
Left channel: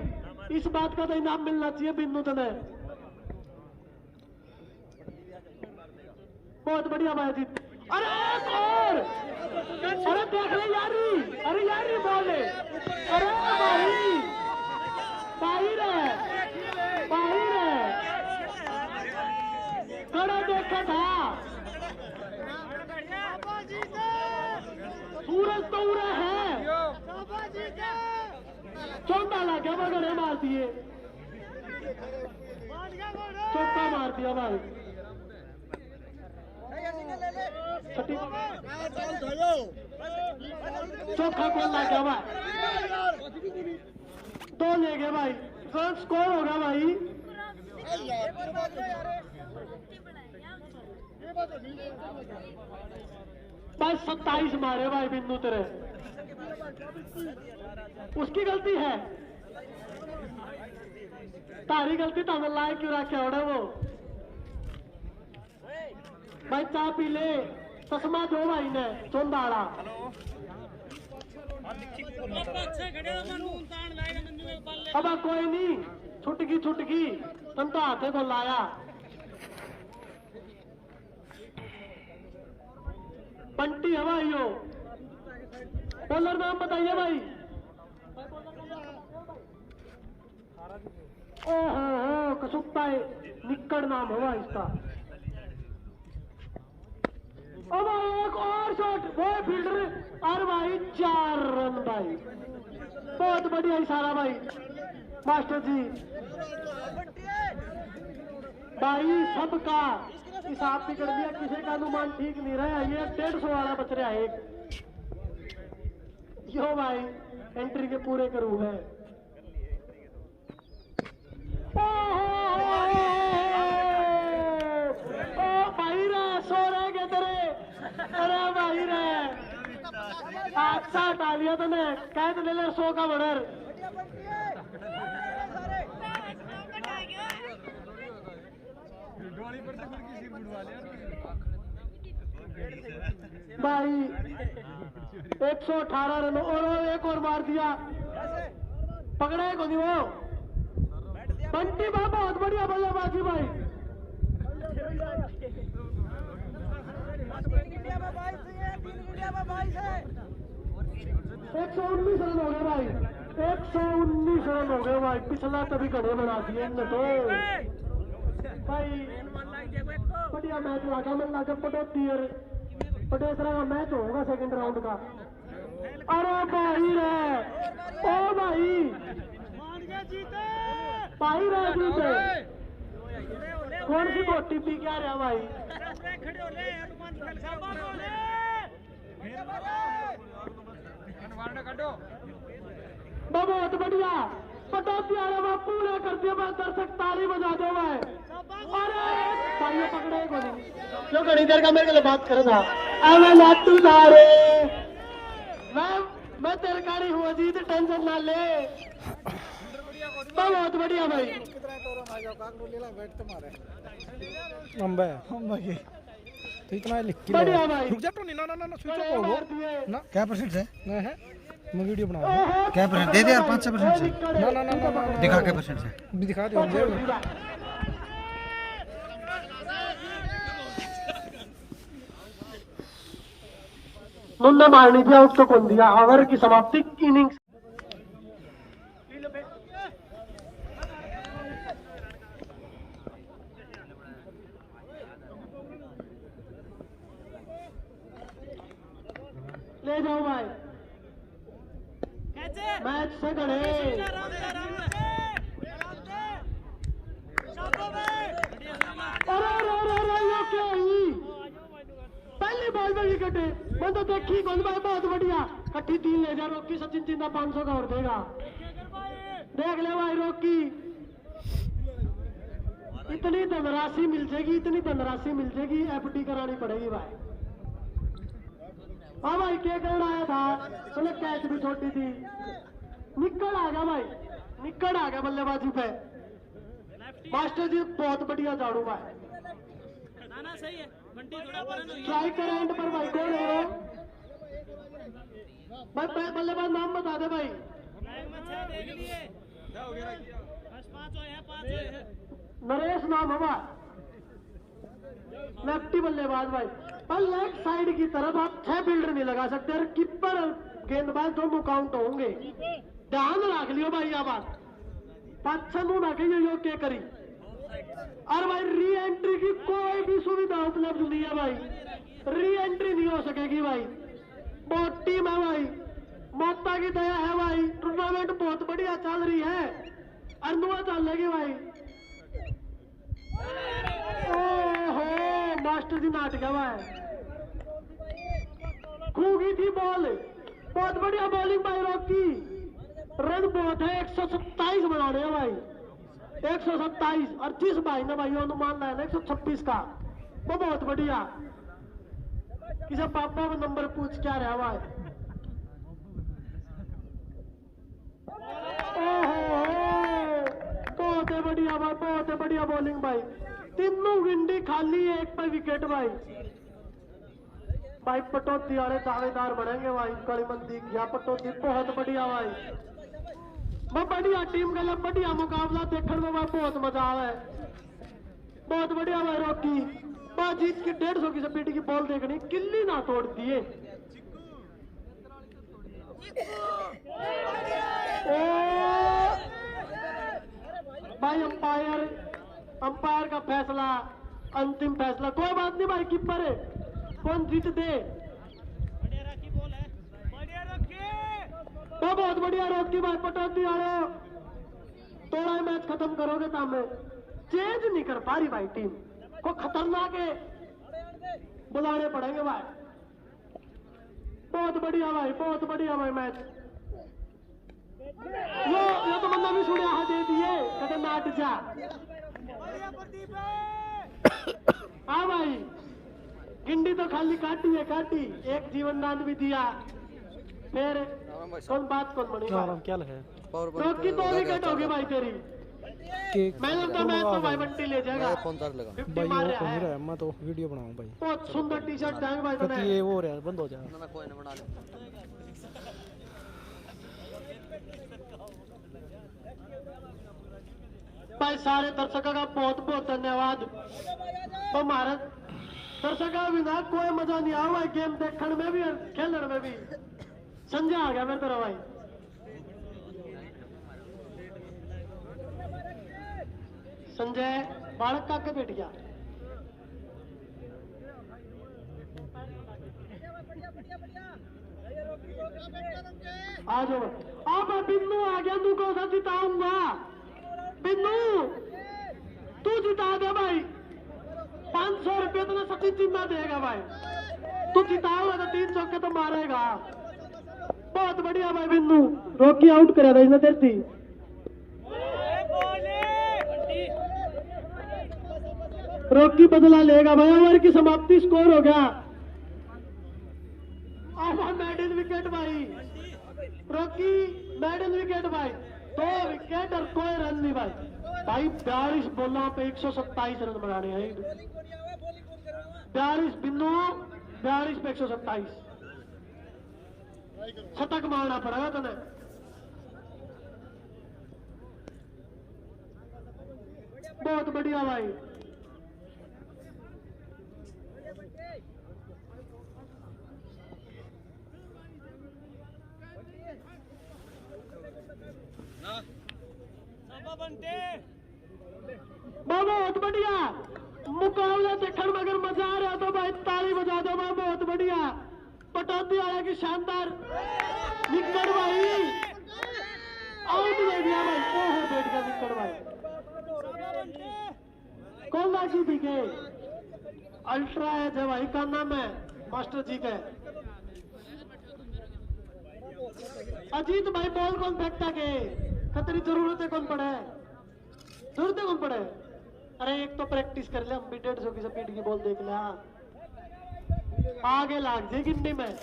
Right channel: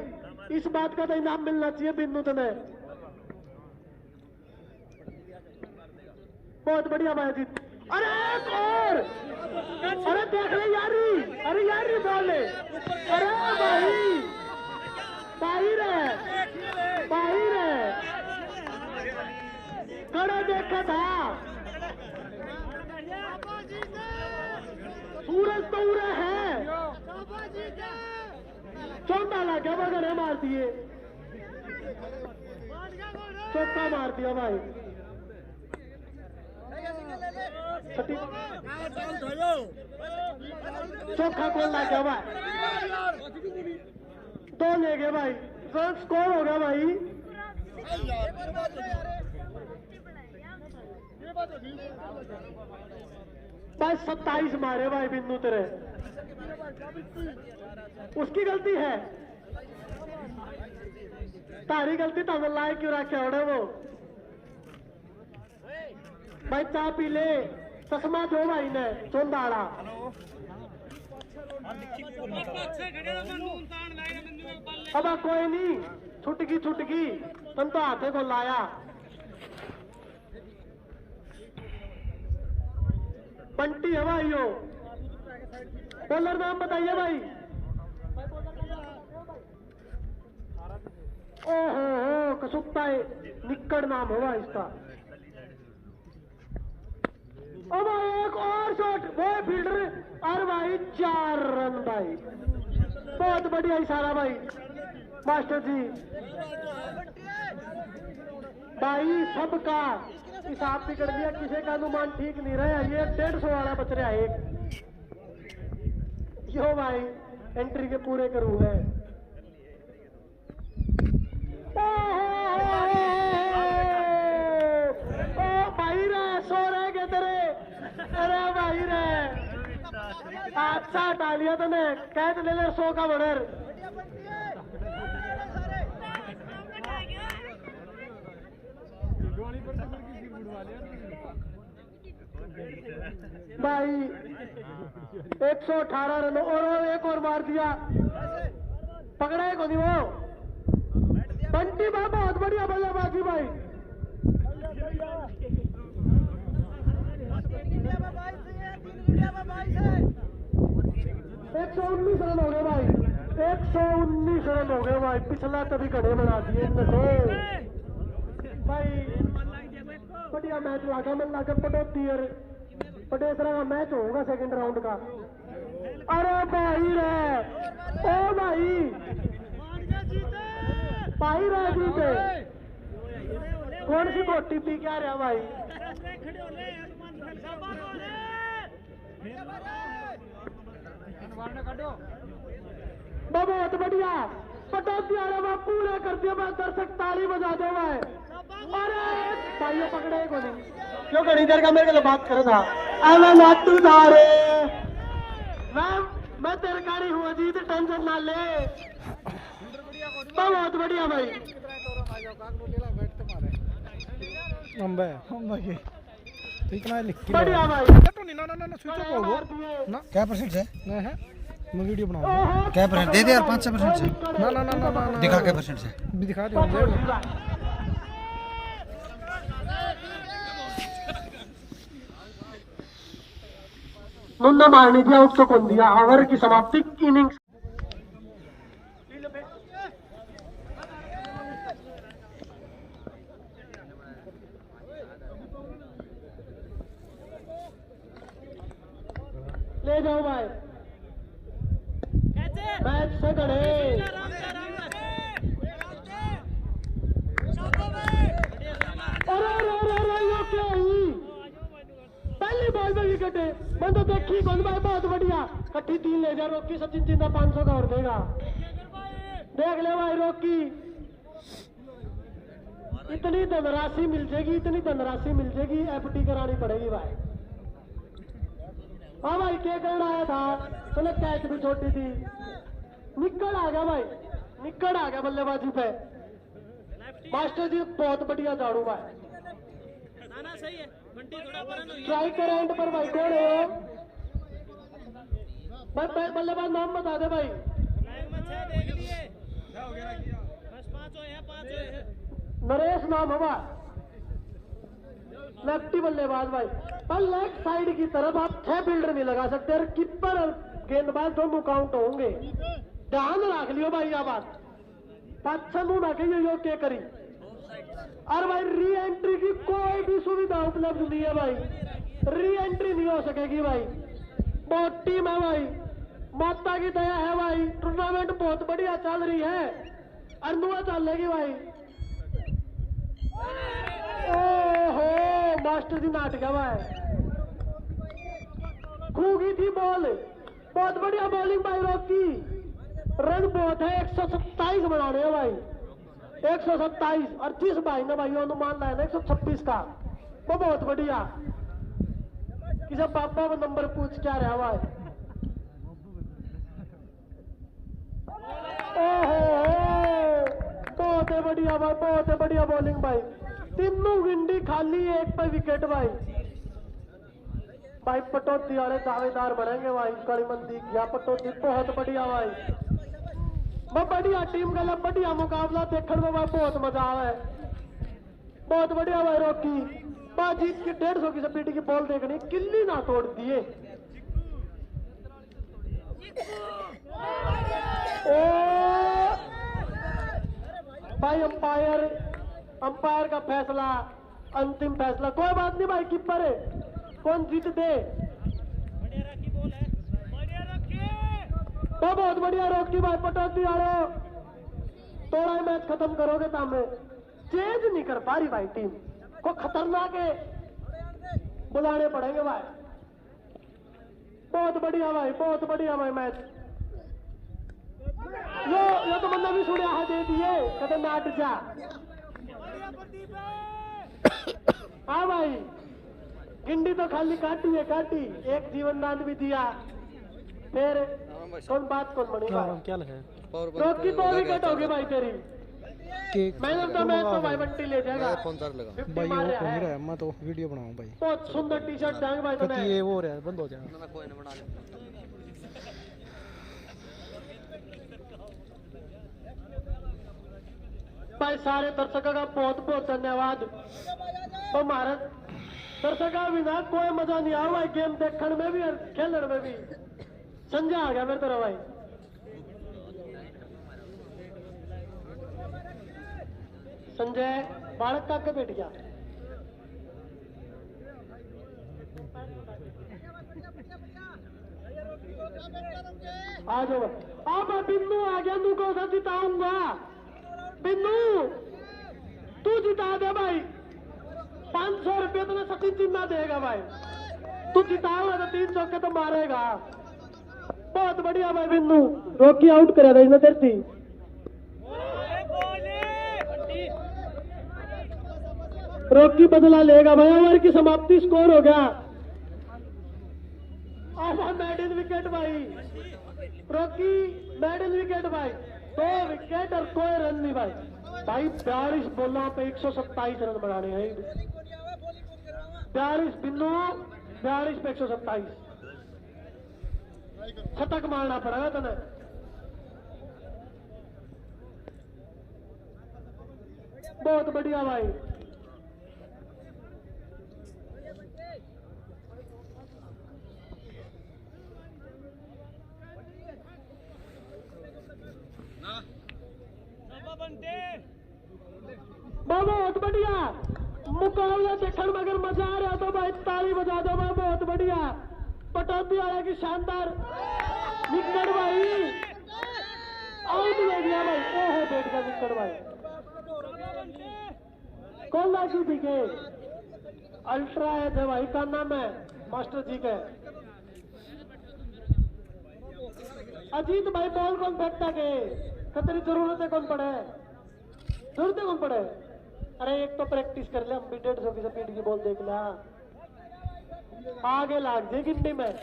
इस बात का तो इनाम मिलना चाहिए बिन्नू तने। बहुत बढ़िया भाई जीत। अरे देख ले यारी। अरे यारी बॉल है। अरे भाई बाहिर है कड़ा देखा था। सूरज तो उड़ा है। चौका लगा बगड़े मार दिए। चौका मार दिया भाई। चौका कौन लग गया भाई। 2 ले गए भाई। कौन स्कोर होगा भाई। बस 27 मारे भाई बिंदु तेरे। उसकी गलती है। तारी गलती तो हम लाए क्यों रखे होना वो भाई। चाह पी ले चश्मा दो भाई ने चोंदाड़ा। अब कोई नहीं छुटकी तुम तो हाथे को लाया। बंटी है भाई यो। बॉलर नाम बताइए भाई। ओहो कसुप्ता है निक्कड़ नाम होगा इसका। अब एक और शॉट वो फील्डर और भाई 4 रन भाई। बहुत बढ़िया इशारा भाई मास्टर जी। भाई सबका हिसाब बिगड़ गया। किसी का अनुमान ठीक नहीं रहा। ये 150 वाला बच रहा है एक। यो भाई एंट्री के पूरे करूँ है। भाई रे सो रहे के तेरे। अरे भाई रे अच्छा डालिया तूने कैद ले ले 100 का बड़र। भाई 118 रन और एक और मार दिया। पकड़ा है कोनी वो बंटी बाबा। बहुत बढ़िया बल्लेबाजी भाई। 119 रन हो गए भाई। 119 रन हो गए भाई। पिछला कभी घड़े बना दिए भाई। बढ़िया मैच लगा। मैं लगा पटेसरा का मैच होगा सेकंड राउंड का। अरे भाई रे ओ भाई रे जीते। कौन सी बोटी पी क्या रहा भाई। बहुत बढ़िया पटाती आ रहा पूरा करते हुए दर्शक ताली बजाते हुए भाई पकड़े को नहीं क्यों कहीं कर का मेरे को बात करे था अरे लाटू दारे मैं तेरे गाड़ी हूँ अजीत टेंशन ना ले बहुत बढ़िया भाई अंबे के तो इतना लिख के बढ़िया भाई चटो नहीं ना स्विच ऑफ होगो ना क्या परसेंट है? नहीं है मैं वीडियो बना रहा हूं क्या परसेंट दे दे यार 5-6% से ना दिखा क्या परसेंट से भी दिखा दे मुझे मुन्ना मारनी दिया उसको कौन दिया ओवर की समाप्ति इनिंग्स ले जाओ भाई मैच से गड़े पहले बॉल में विकेट है मैं तो देखी कौन बात बहुत बढ़िया कट्ठी 3 ले जा रोकी सचिन चिंता 500 का और देगा देख ले भाई रोकी इतनी धनराशि मिल जाएगी एफडी करानी पड़ेगी भाई हाँ भाई क्या करना आया था बोले कैच भी छोटी थी निकल आ गया बल्लेबाजी पे मास्टर जी बहुत बढ़िया झाड़ू भाई स्ट्राइकर एंड पर बैठे रहे हो बल्लेबाज नाम बता दे भाई नरेश नाम हवा लेफ्टी बल्लेबाज भाई पर लेफ्ट साइड की तरफ आप 6 फील्डर नहीं लगा सकते और कीपर और गेंदबाज दोनों काउंट होंगे ध्यान रख लियो भाई यह बात अच्छा ना कहिए यो क्या करी और भाई री एंट्री की कोई भी सुविधा उपलब्ध नहीं है भाई री एंट्री नहीं हो सकेगी भाई बहुत टीम है भाई माता की दया है भाई टूर्नामेंट बहुत बढ़िया चल रही है अनुआ चलेगी भाई ओहो मास्टर जी नाट गया भाई खूगी थी बॉल बहुत बढ़िया बॉलिंग भाई रोकी रन बहुत है 127 बना रहे हो भाई 127 और 30 भाई ने भाई अनुमान लाया 126 का तो बहुत बढ़िया किसी पापा का नंबर पूछ क्या रहा भाई बहुत है बढ़िया भाई बहुत है बढ़िया बॉलिंग भाई तीनों विंडी खाली एक पर विकेट भाई भाई पटौती वाले दावेदार बनेंगे भाई कड़ीबंदी या पटौती बहुत बढ़िया भाई मैं बढ़िया टीम का बढ़िया मुकाबला देखने में भाई बहुत मजा आवे बहुत बढ़िया भाई रोकी बाजीत की 150 की स्पीड की बॉल देखनी किल्ली ना तोड़ दिए भाई अंपायर का फैसला अंतिम फैसला कोई बात नहीं भाई कीपर है कौन जीत दे तो बहुत बढ़िया रोकी भाई पटौती वाले थोड़ा मैच खत्म करोगे तो हमें चेंज नहीं कर पा रही भाई टीम को खतरनाक है बुलाने पड़ेंगे भाई बहुत बढ़िया भाई मैच ये तो बंदा भी सुने है दे दिए कहते नाट जा हाँ भाई गिंडी तो खाली काटी एक जीवन दान भी दिया फिर कौन बात कौन बनी क्या है रोकी 2 विकेट होगी भाई तेरी मैंने तो मैच को भाई बंटी ले जाएगा भाई वो कौन नहीं रहा मैं तो वीडियो बनाऊं भाई बहुत सुंदर टी शर्ट देंगे भाई कति ये वो रहा बंद हो जा भाई सारे दर्शकों का बहुत धन्यवाद तो भारत दर्शकों बिना कोई मजा नहीं आया भाई गेम देखने में भी और खेलने में भी संजय आ गया मेरे तरह भाई संजय बालक का बैठ गया आ जाओ अब बिन्नू आ गया तू कौन सा जिताऊंगा बिन्नू तू जिता दे भाई 500 रुपये तो सचिन चिन्ह देगा भाई तू जिताओगा तो 3 चौके तो मारेगा। बहुत बढ़िया भाई बिंदु, रोकी आउट करेगा इसने तेरी थी। रोकी बदला लेगा भाई, ओवर की समाप्ति, स्कोर हो गया। मेडल विकेट भाई, रॉकी मेडल विकेट भाई, 2 विकेट और कोई रन नहीं भाई। भाई 42 बॉलों पे 127 रन बनाने हैं। 42 बिंदु, 42 पे 127 शतक मारना पड़ेगा तुम्हें। बहुत बढ़िया भाई। बहुत बढ़िया मुकाबला देखने में अगर मजा आ रहा तो भाई ताली बजा दो भाई। बहुत बढ़िया पटौती आया कि शानदार विकेट भाई, आउट दे दिया भाई। ओहो बैठ गया विकेट भाई। कौन लागी दिखे अल्ट्रा है जो भाई का नाम है मास्टर जी के। अजीत भाई बॉल कौन फेंकता के खतरी जरूरत है कौन पड़े, जरूरत है कौन पड़े। अरे एक तो प्रैक्टिस कर ले, हम भी 150 की स्पीड की बॉल देख ले, आगे लाग जाए गिनती में।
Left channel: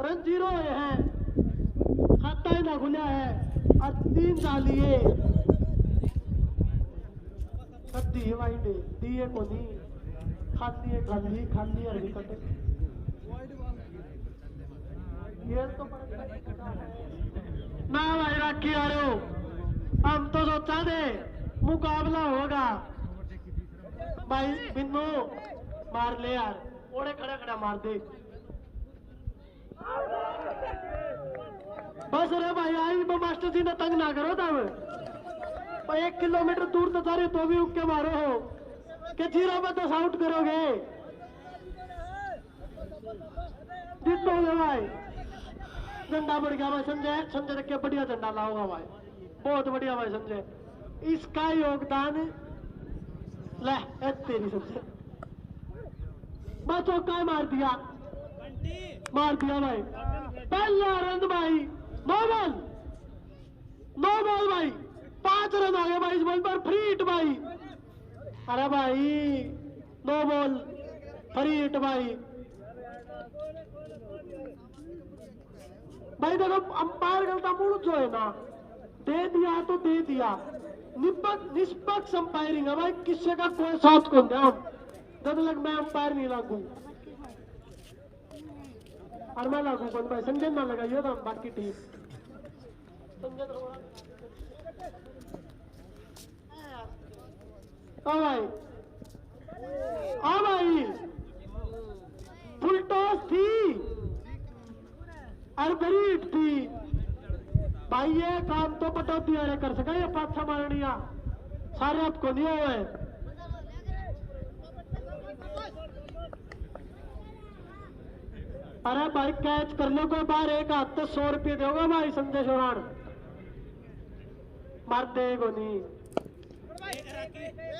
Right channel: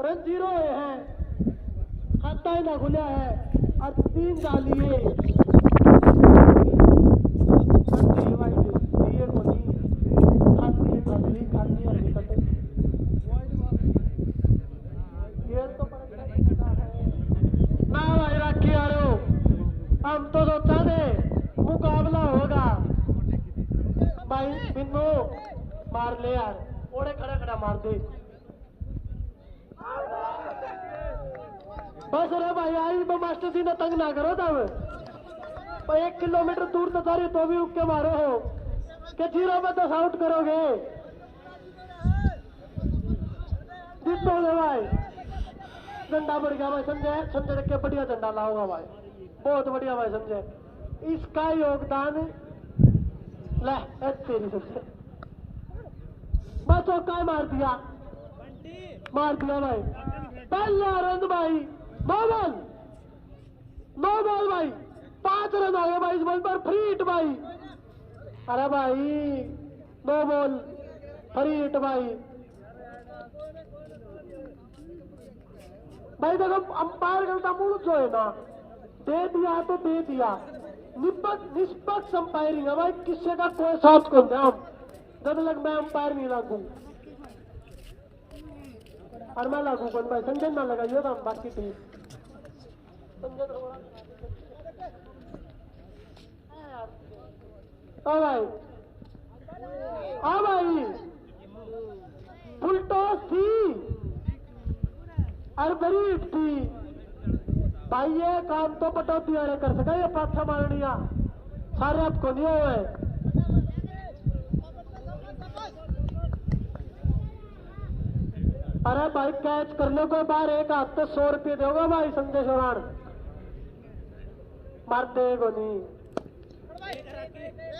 रन 0 हुए हैं, खाता ही ना खुला है और 3 डालिए। ना भाई रखी यारो, हम तो सोचा थे मुकाबला होगा भाई। बिन्नू मार ले यार, ओड़े खड़ा खड़ा मार दे बस। अरे भाई आज मास्टर जी ने तंग ना करो तब। 1 किलोमीटर दूर तो सारी तो भी रुक के मारो हो कि 0 में 10 आउट करोगे। भाई झंडा बढ़ गया भाई संजय, संजय रख के बढ़िया झंडा लाऊंगा भाई। बहुत बढ़िया भाई संजय, इसका योगदान ले तेरी संजय। बस चौका मार दिया भाई। पहला रन भाई, 9 बॉल भाई, 5 रन आ गए भाई इस बॉल पर। फ्री हिट भाई, अरे भाई 9 बॉल फ्री हिट भाई। भाई देखो अंपायर गलता मूड जो है ना, दे दिया तो दे दिया। निष्पक्ष अंपायरिंग है भाई, किसी का कोई साथ को नहीं। जब लग मैं अंपायर नहीं लागू और मैं लागू कौन भाई, संजय ना लगाइए तो बाकी टीम। हाँ भाई फुल टॉस थी और बड़ी थी भाई। ये काम तो पटौती वाले कर सका, ये पाछा मारनिया सारे आपको नहीं हुए। अरे भाई कैच कर लो को बाहर, एक हाथ तो 100 रुपये दोगा भाई। संजय चौहान मार देगो नहीं,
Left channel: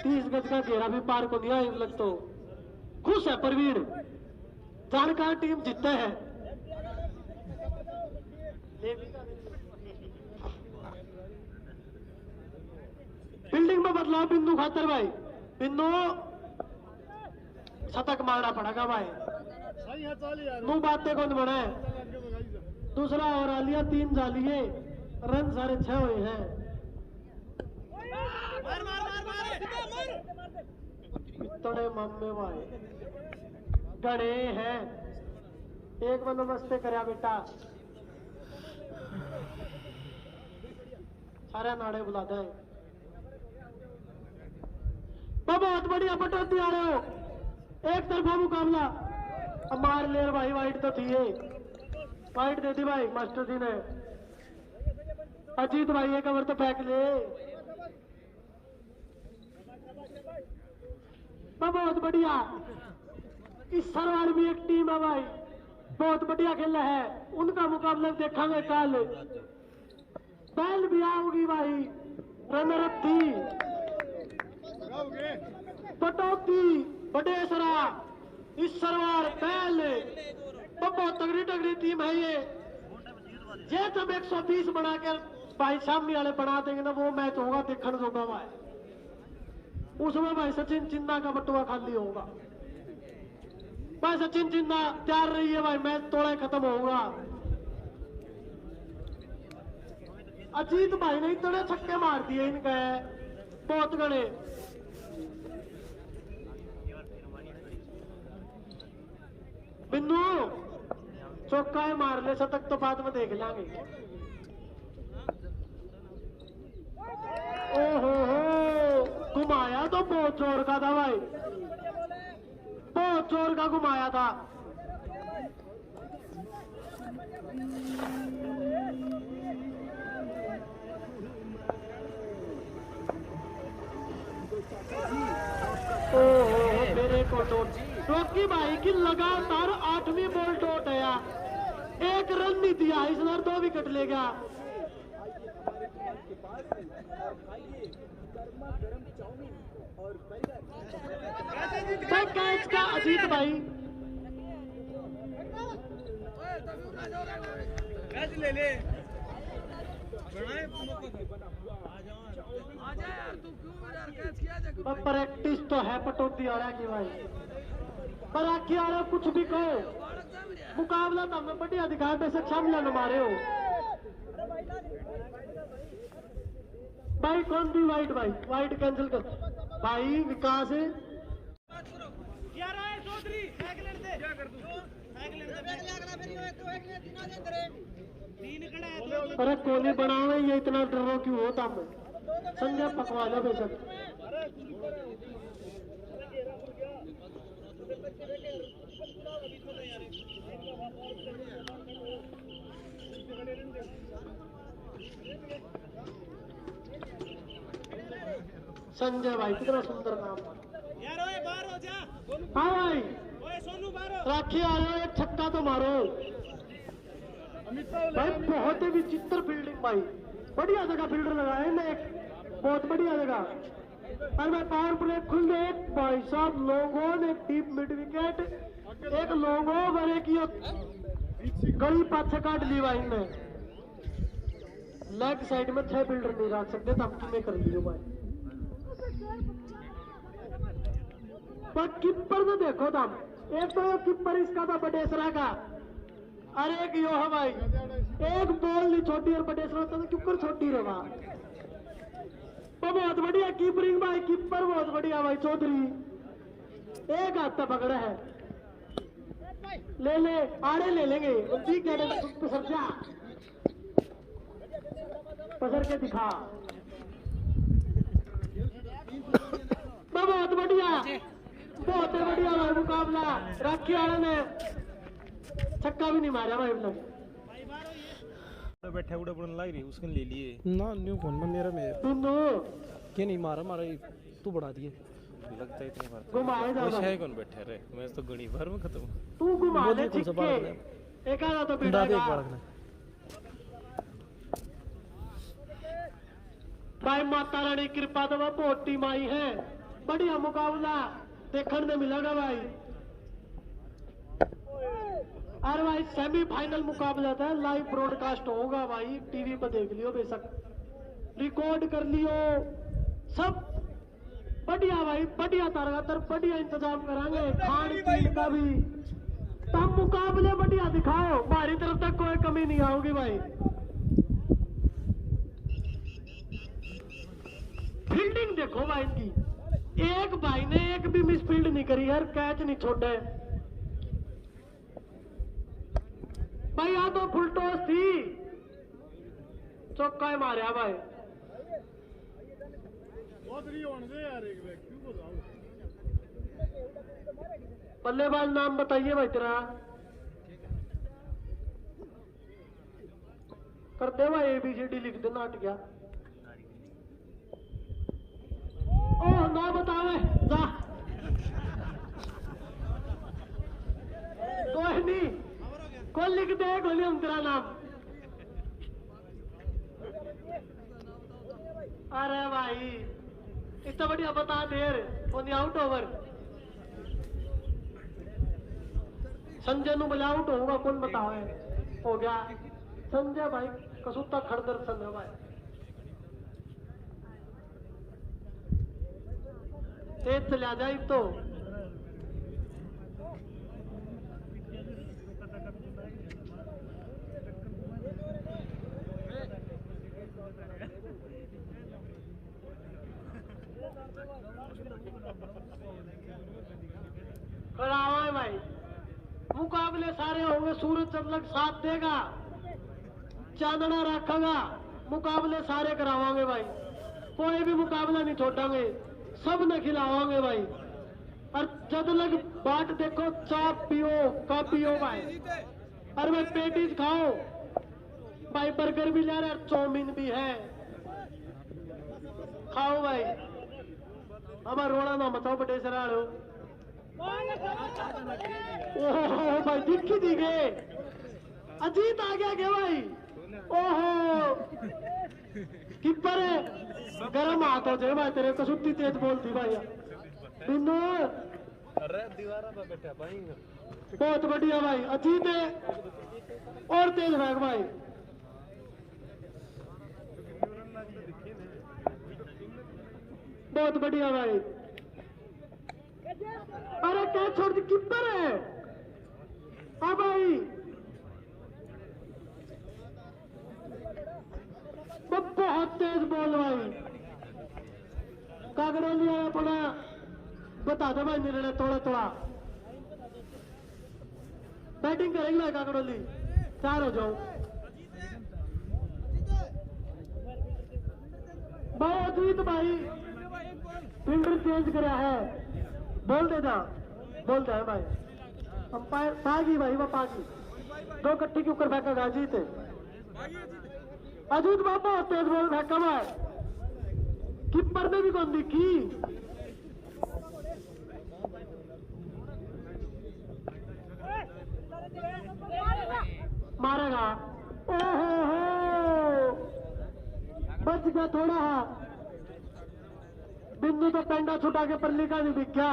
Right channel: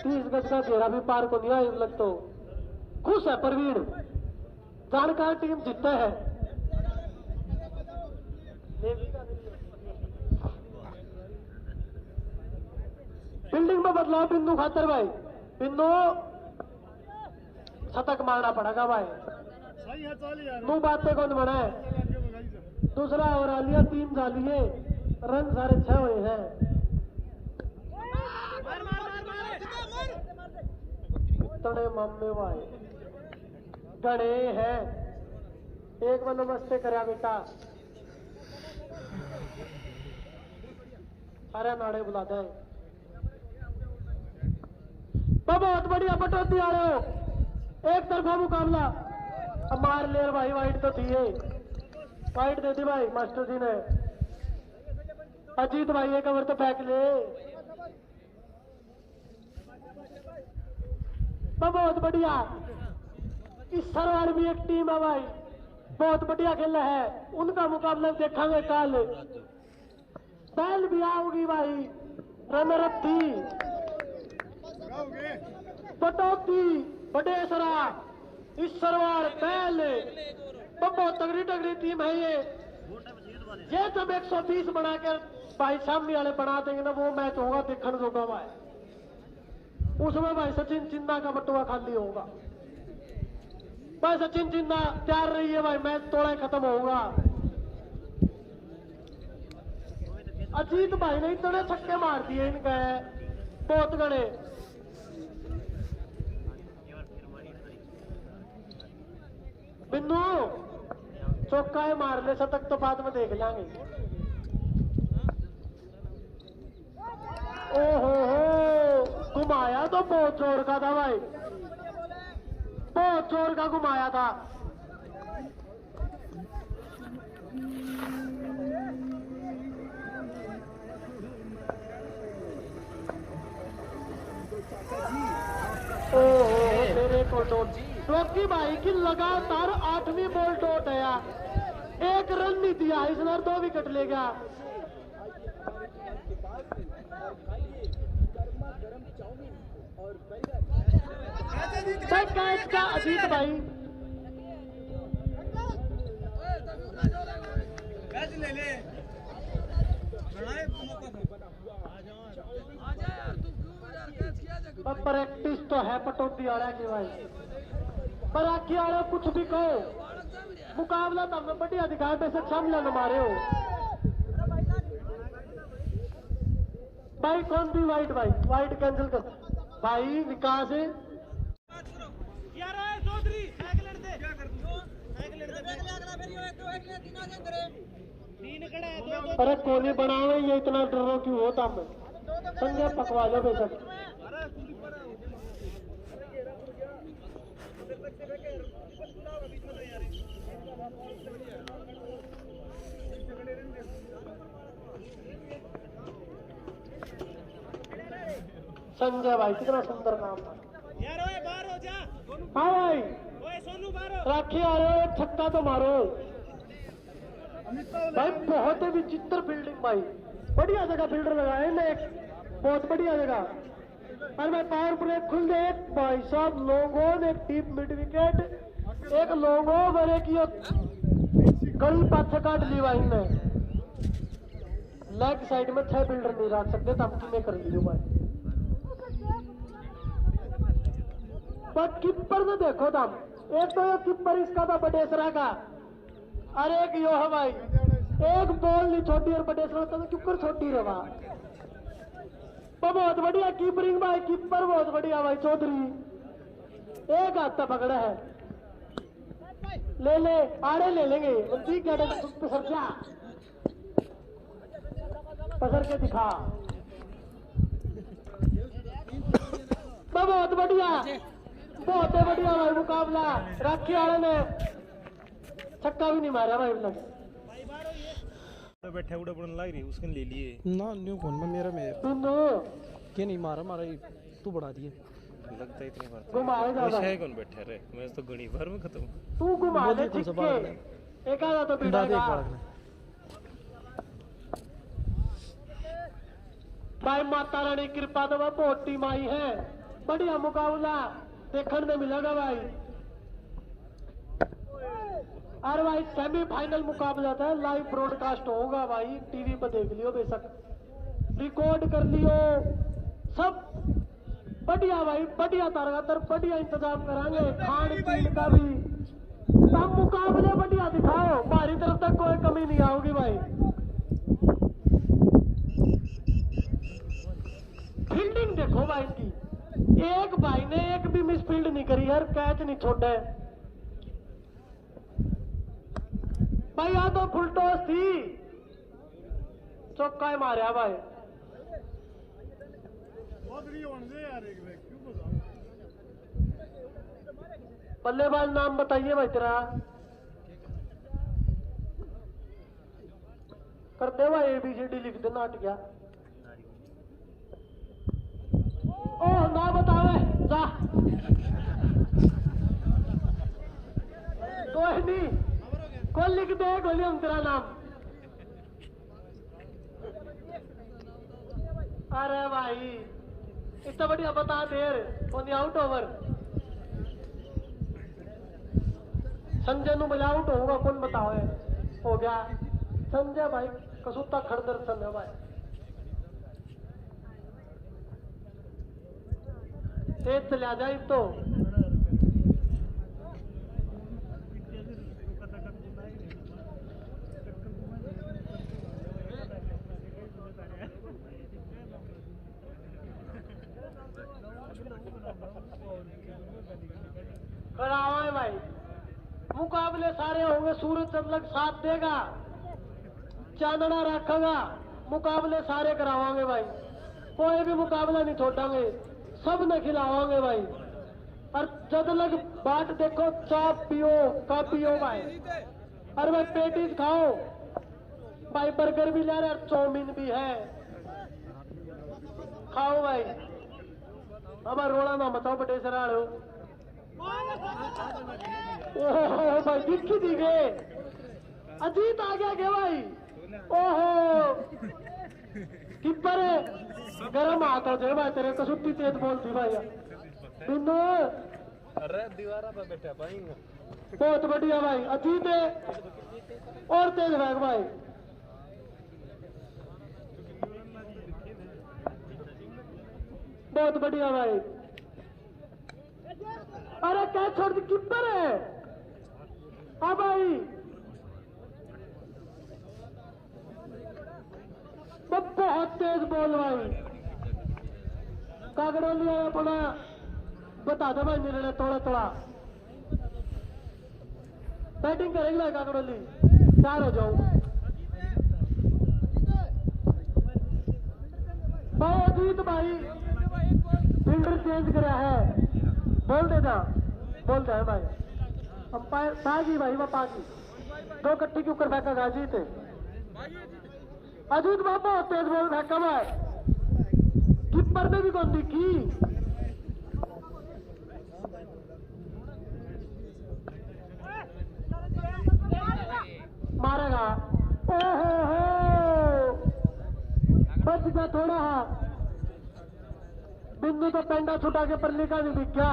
30 गज का घेरा भी पार को नहीं आया लग। तो खुश है प्रवीण, जानकार टीम जीतता है। फील्डिंग में बदलाव बिंदु खातर भाई। बिंदु शतक मारना पड़ेगा भाई। मुंह बातें कौन बने। दूसरा ओवर आ लिया, 3 डालिए, रन 6.5 हुए हैं। तड़े मामे भाई गड़े हैं, एक बार नमस्ते करा बेटा। सारे नाड़े बुला दे। बहुत बढ़िया पटौती आ रहे हो, एक तरफा मुकाबला। अब मार ले भाई, वाइट तो थी, वाइट दे दी भाई मास्टर जी ने। अजीत भाई एक ओवर तो फेंक ले। बहुत बढ़िया, इस सरवार भी एक टीम है भाई, बहुत बढ़िया खेल है। उनका मुकाबला देखेंगे कल। बैल भी आओगी भाई, रनर थी पटौती बड़ेसरा इस सरवार पहले तो बहुत तगड़ी तगड़ी टीम है ये जब 120 बनाकर भाई सामने वाले बना देंगे ना वो मैच होगा देखने होगा भाई उसमें भाई सचिन चिन्ना का बटुआ खाली होगा भाई सचिन चिन्ना तैयार रही है भाई मैच थोड़ा खत्म होगा अजीत भाई ने इतने छक्के मार दिए इनके बहुत गणे बिंदु चौका मार ले शतक तो बाद में देख लेंगे ओहो हो घुमाया तो बहुत जोर का था भाई बहुत जोर का घुमाया था मेरे को रॉकी भाई की लगातार 8वीं बॉल डॉट है यार एक रन नहीं दिया इसने 2 विकेट ले गया कैच का अजीत भाई ले ले प्रैक्टिस तो है पटौती आड़ा की भाई पर आखी आड़ा कुछ भी कहो मुकाबला तो हमें बढ़िया दिखा बेशक सामने न मारे हो भाई कौन सी वाइट कैंसिल कर भाई विकास है अरे कोहली बनाओ ये इतना डरो क्यों होता मैं संजय पकवा लो बेशक संजय भाई कितना सुंदर नाम था हाँ भाई राखी आ रहे हो एक छक्का तो मारो भाई बहुत ही विचित्र फील्डिंग भाई बढ़िया जगह फील्डर लगाए ले बहुत बढ़िया जगह और मैं पावर प्ले खुल गए भाई साहब लोगों ने डीप मिड विकेट एक लोगों मेरे की गली पाछे काट ली भाई ने लेग साइड में 6 फील्डर नहीं रख सकते तब में कर लियो भाई पर कीपर में देखो तब एक तो कीपर इसका था बटेसरा का अरे एक यो है भाई एक बॉल नहीं छोटी और बटेसरा तो क्यों छोटी रहा बहुत बढ़िया कीपरिंग भाई कीपर बहुत बढ़िया भाई चौधरी एक हाथ तक पकड़ा है ले आड़े ले लेंगे पसर के दिखा बहुत बढ़िया भाई मुकाबला राखी वाले ने छक्का भी नहीं मारा भाई बैठा उड़ा बुड़न लग रही उसने ले लिए ना न्यू फोन में मेरा में बिंदु ये नहीं मारा तू बढ़ा दिए लगता है इतनी बार घुमाए ज्यादा है कौन बैठा रे मैं तो गणी भर में खत्म तू घुमा बोल दे कौन सा बालक ने एक आधा तो बता दे बिगड़ेगा। बालक ने भाई माता रानी कृपा तो वह बहुत टीम आई है बढ़िया मुकाबला देखने में मिलेगा भाई अरे भाई सेमीफाइनल मुकाबला था लाइव ब्रॉडकास्ट होगा भाई टीवी पर देख लियो बेशक रिकॉर्ड कर लियो सब बढ़िया भाई बढ़िया तरह बढ़िया इंतजाम करांगे खान पीन का भी सब मुकाबले बढ़िया दिखाओ हमारी तरफ तक कोई कमी नहीं आओगी भाई फील्डिंग देखो भाई इनकी एक भाई ने एक भी मिस फील्ड नहीं करी यार कैच नहीं छोड़ा भाई यहाँ तो फुल टॉस थी चौका मारा भाई बल्लेबाज नाम बताइए भाई तेरा कर दे भाई ABCD लिख देना हट गया ओ ना बतावे जा कोई नहीं कौन लिख दे गोली हम तेरा नाम अरे भाई इतना बढ़िया बता देर आउट ओवर संजय नु बजा आउट होगा कौन बताओ है हो गया संजय भाई कसूता खड़दर सन है भाई तेज चला जाए तो खराब है भाई मुकाबले सारे होंगे सूरज चंद्रक साथ देगा चांदना रखेगा मुकाबले सारे करावांगे भाई कोई भी मुकाबला नहीं छोड़ांगे सब ने खिलावांगे भाई और जब लग बाट देखो चाप पियो का पियो भाई और भाई पेटीज खाओ भाई बर्गर भी ले रहा है चाउमीन भी है खाओ भाई हमारा रोड़ा ना बताओ बटे सराड़ हो ओहो भाई दिखी दी गए अजीत आ गया क्या भाई ओहो किपर गरम हाथ हो जाए भाई तेरे को छुट्टी तेज बोलती भाई बिंदु अरे दीवारा पर बैठा भाई बहुत बढ़िया भाई अजीत है और तेज भाग भाई बहुत बढ़िया भाई अरे क्या छोड़ दी किपर है हाँ भाई बहुत तेज बॉल भाई कागड़ा लिया अपना बता दो भाई निर्णय थोड़ा थोड़ा बैटिंग करेंगे ना कागड़ोली 4 हो जाओ भाई अजीत भाई फील्डर चेंज करा है बोल देना बोलते हैं भाई अब पागी भाई वो पागी 2 कट्टी के ऊपर फेंका अजीत अजीत बाबा तेज बॉल फेंका है कीपर ने भी कौन दिखी मारेगा ओहो बच गया थोड़ा बिंदु तो पेंडा छुटा के परली का भी दिख गया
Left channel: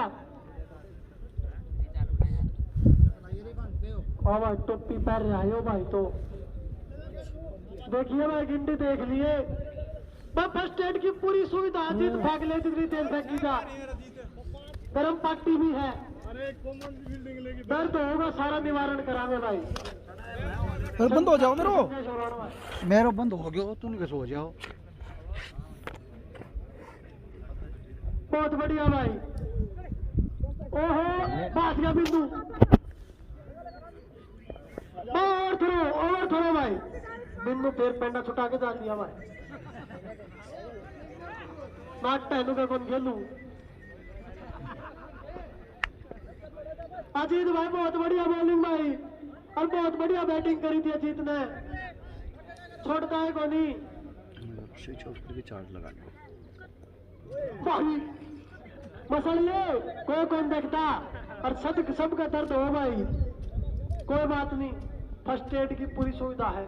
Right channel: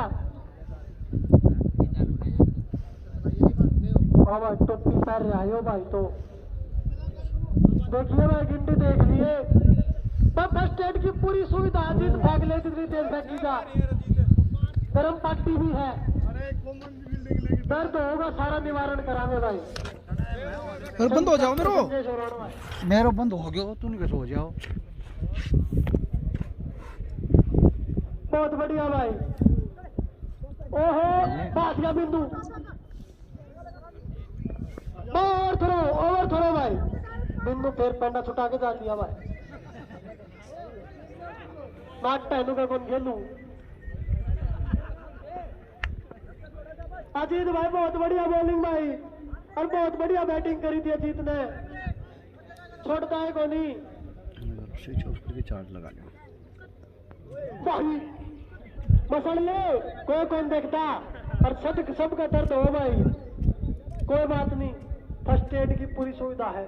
और टोपी पहन रहा है भाई तो देखिए भाई गिंडी देख लिए फर्स्ट एड की पूरी सुविधा अजीत फेंक ले जितनी तेज फेंकी जा गर्म पट्टी भी है दर्द होगा सारा निवारण कराने भाई बंद हो जाओ मेरो बंद हो गया तू नहीं कैसे हो जाओ बहुत बढ़िया भाई ओहो बात गया बिंदु ओवर थ्रो भाई बिंदु फिर पेंडा छुटा के डाल दिया भाई बात पहनू का कौन खेलू अजीत भाई बहुत बढ़िया बॉलिंग भाई और बहुत बढ़िया बैटिंग करी थी अजीत ने छोड़ता है कोनी स्विच ऑफ करके चार्ज लगाना भाई मसल ले कोई कौन देखता और सबका दर्द हो भाई कोई बात नहीं फर्स्ट एड की पूरी सुविधा है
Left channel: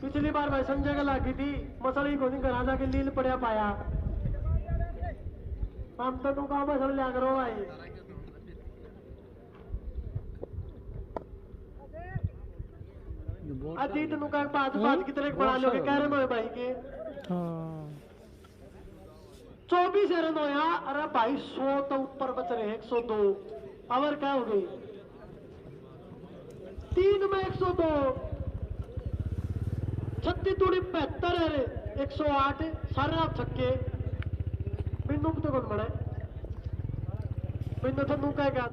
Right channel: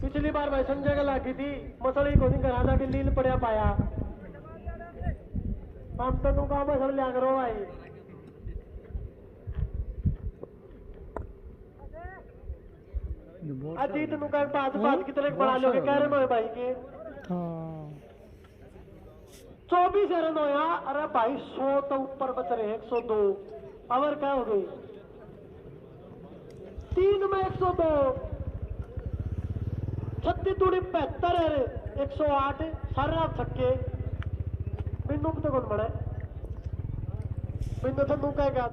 पिछली बार भाई संजय का लगी थी मसली को नहीं कराना कि लील पड़ा पाया हम तो तुमका मसल लिया करो भाई अजीत नु का बात की तरह बढ़ा लोगे कह रहे भाई के 24 रन होया अरे भाई 100 तो ऊपर बच रहे 102 पावर क्या हो गई 3 में 102 36 दूरी 75 है 108 सारे आप छक्के बिंदु तो कौन बड़ा है बिंदु तो तू कहेगा